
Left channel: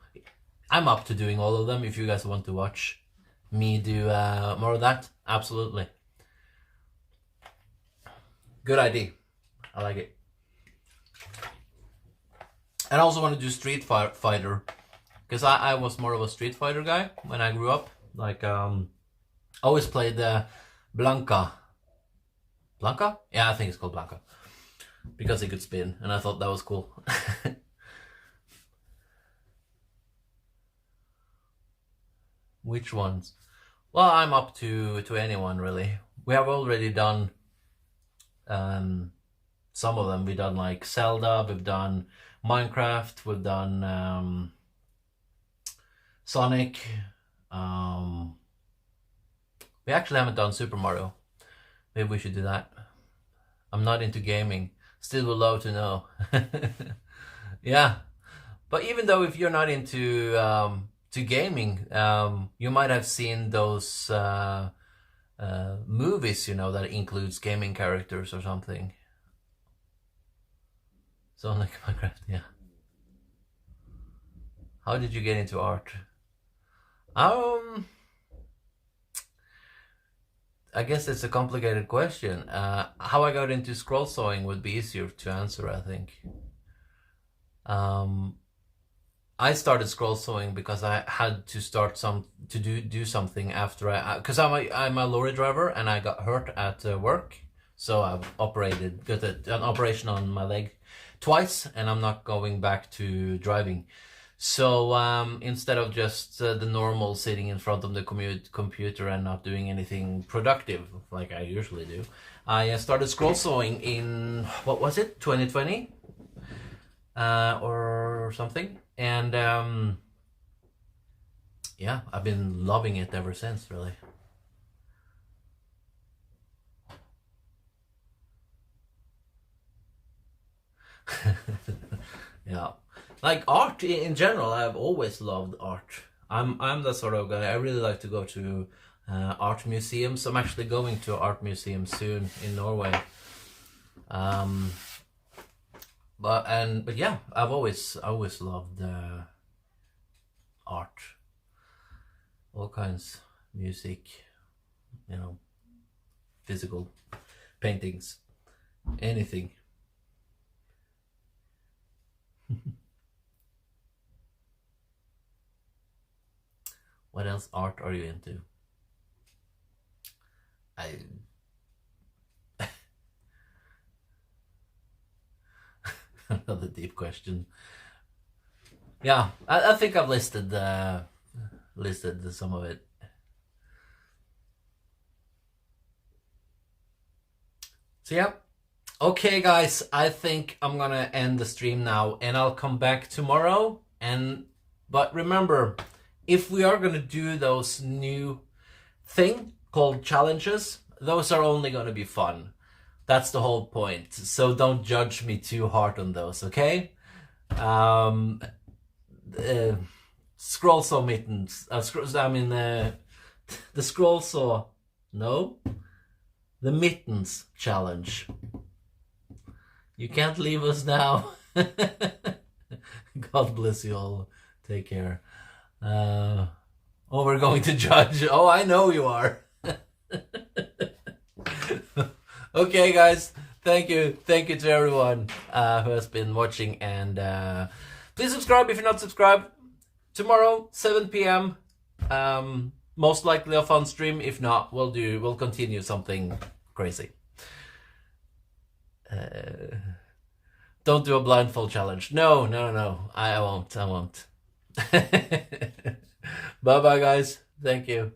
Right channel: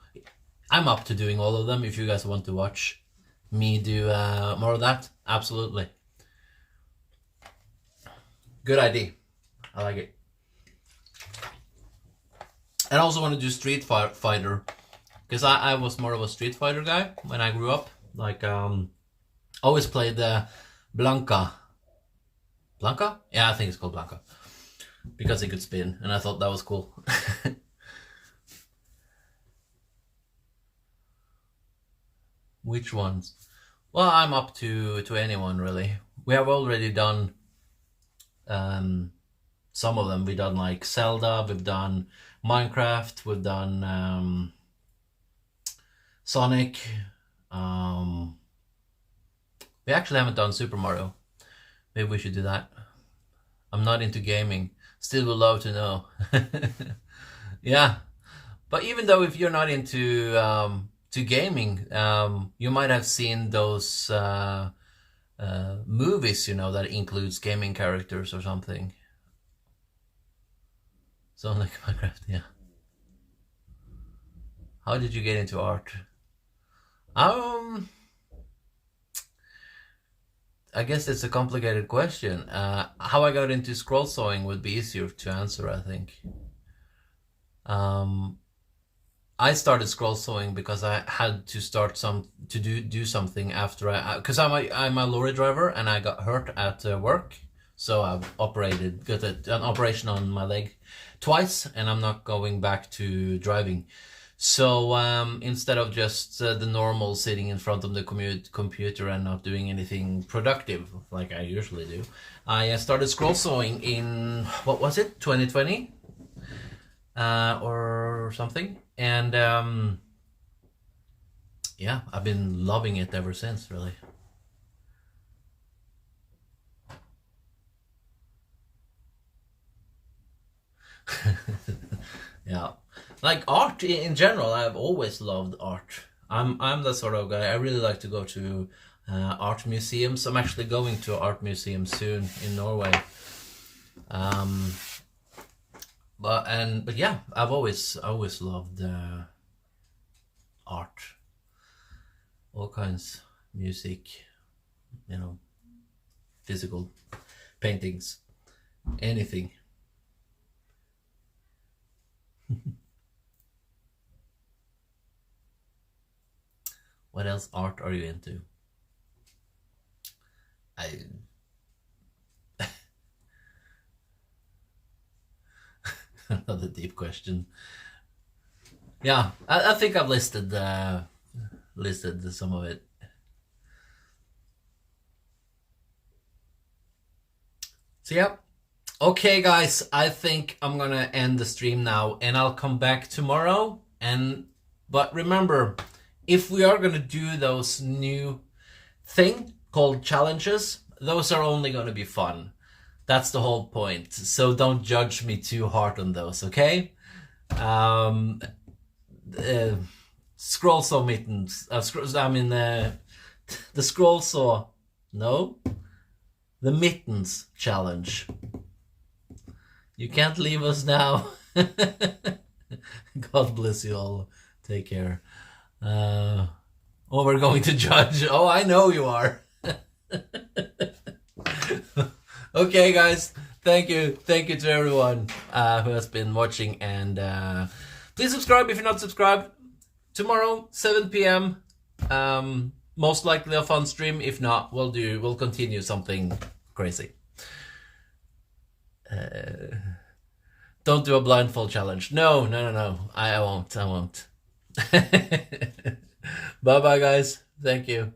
I'm up to doing all of them if you guys want to watch me do more of that. Absolutely. Good idea. I like it. And I also want to do Street Fighter, because I was more of a Street Fighter guy when I grew up. Like, always played Blanca. Blanca? Yeah, I think it's called Blanca. Because it could spin, and I thought that was cool. Which ones? Well, I'm up to anyone, really. We have already done some of them. We've done like Zelda, we've done Minecraft, we've done Sonic. We actually haven't done Super Mario. Maybe we should do that. I'm not into gaming. Still would love to know. Yeah. But even though if you're not into to gaming, you might have seen those movies, you know, that includes gaming characters or something. So like Minecraft, yeah. How did you get into art? I guess it's a complicated question. How I got into scroll sawing would be easier to answer, I think. I started scroll sawing because I had to start do something after because I'm a lorry driver and I got hurt at work, so I've got an operation on my leg twice, and I'm not going back to driving. So instead of just the normal sitting in front of the computer and not doing anything productive like I usually do, I started scroll sawing in, what was it, 2020? or something. And yeah, I've been loving it ever since, really. Yeah, like art in general, I've always loved art. I'm the sort of guy, I really like to go to art museums. I'm actually going to an art museum soon in Norway. But yeah, I've always loved art, all kinds, music, you know, physical paintings, anything. What else art are you into? I Another deep question. Yeah, I think I've listed some of it. So yeah. Okay, guys, I think I'm gonna end the stream now, and I'll come back tomorrow. But remember, if we are gonna do those new thing called challenges, those are only gonna be fun. That's the whole point. So don't judge me too hard on those, okay? Scroll saw mittens. The scroll saw. No, the mittens challenge. You can't leave us now. God bless you all. Take care. Oh, we're going to judge. Oh, I know you are. Okay, guys. Thank you. Thank you to everyone who has been watching. And please subscribe if you're not subscribed. Tomorrow, 7 p.m. Most likely a fun stream. If not, we'll continue something crazy. Don't do a blindfold challenge. No. I won't. Bye bye, guys. Thank you.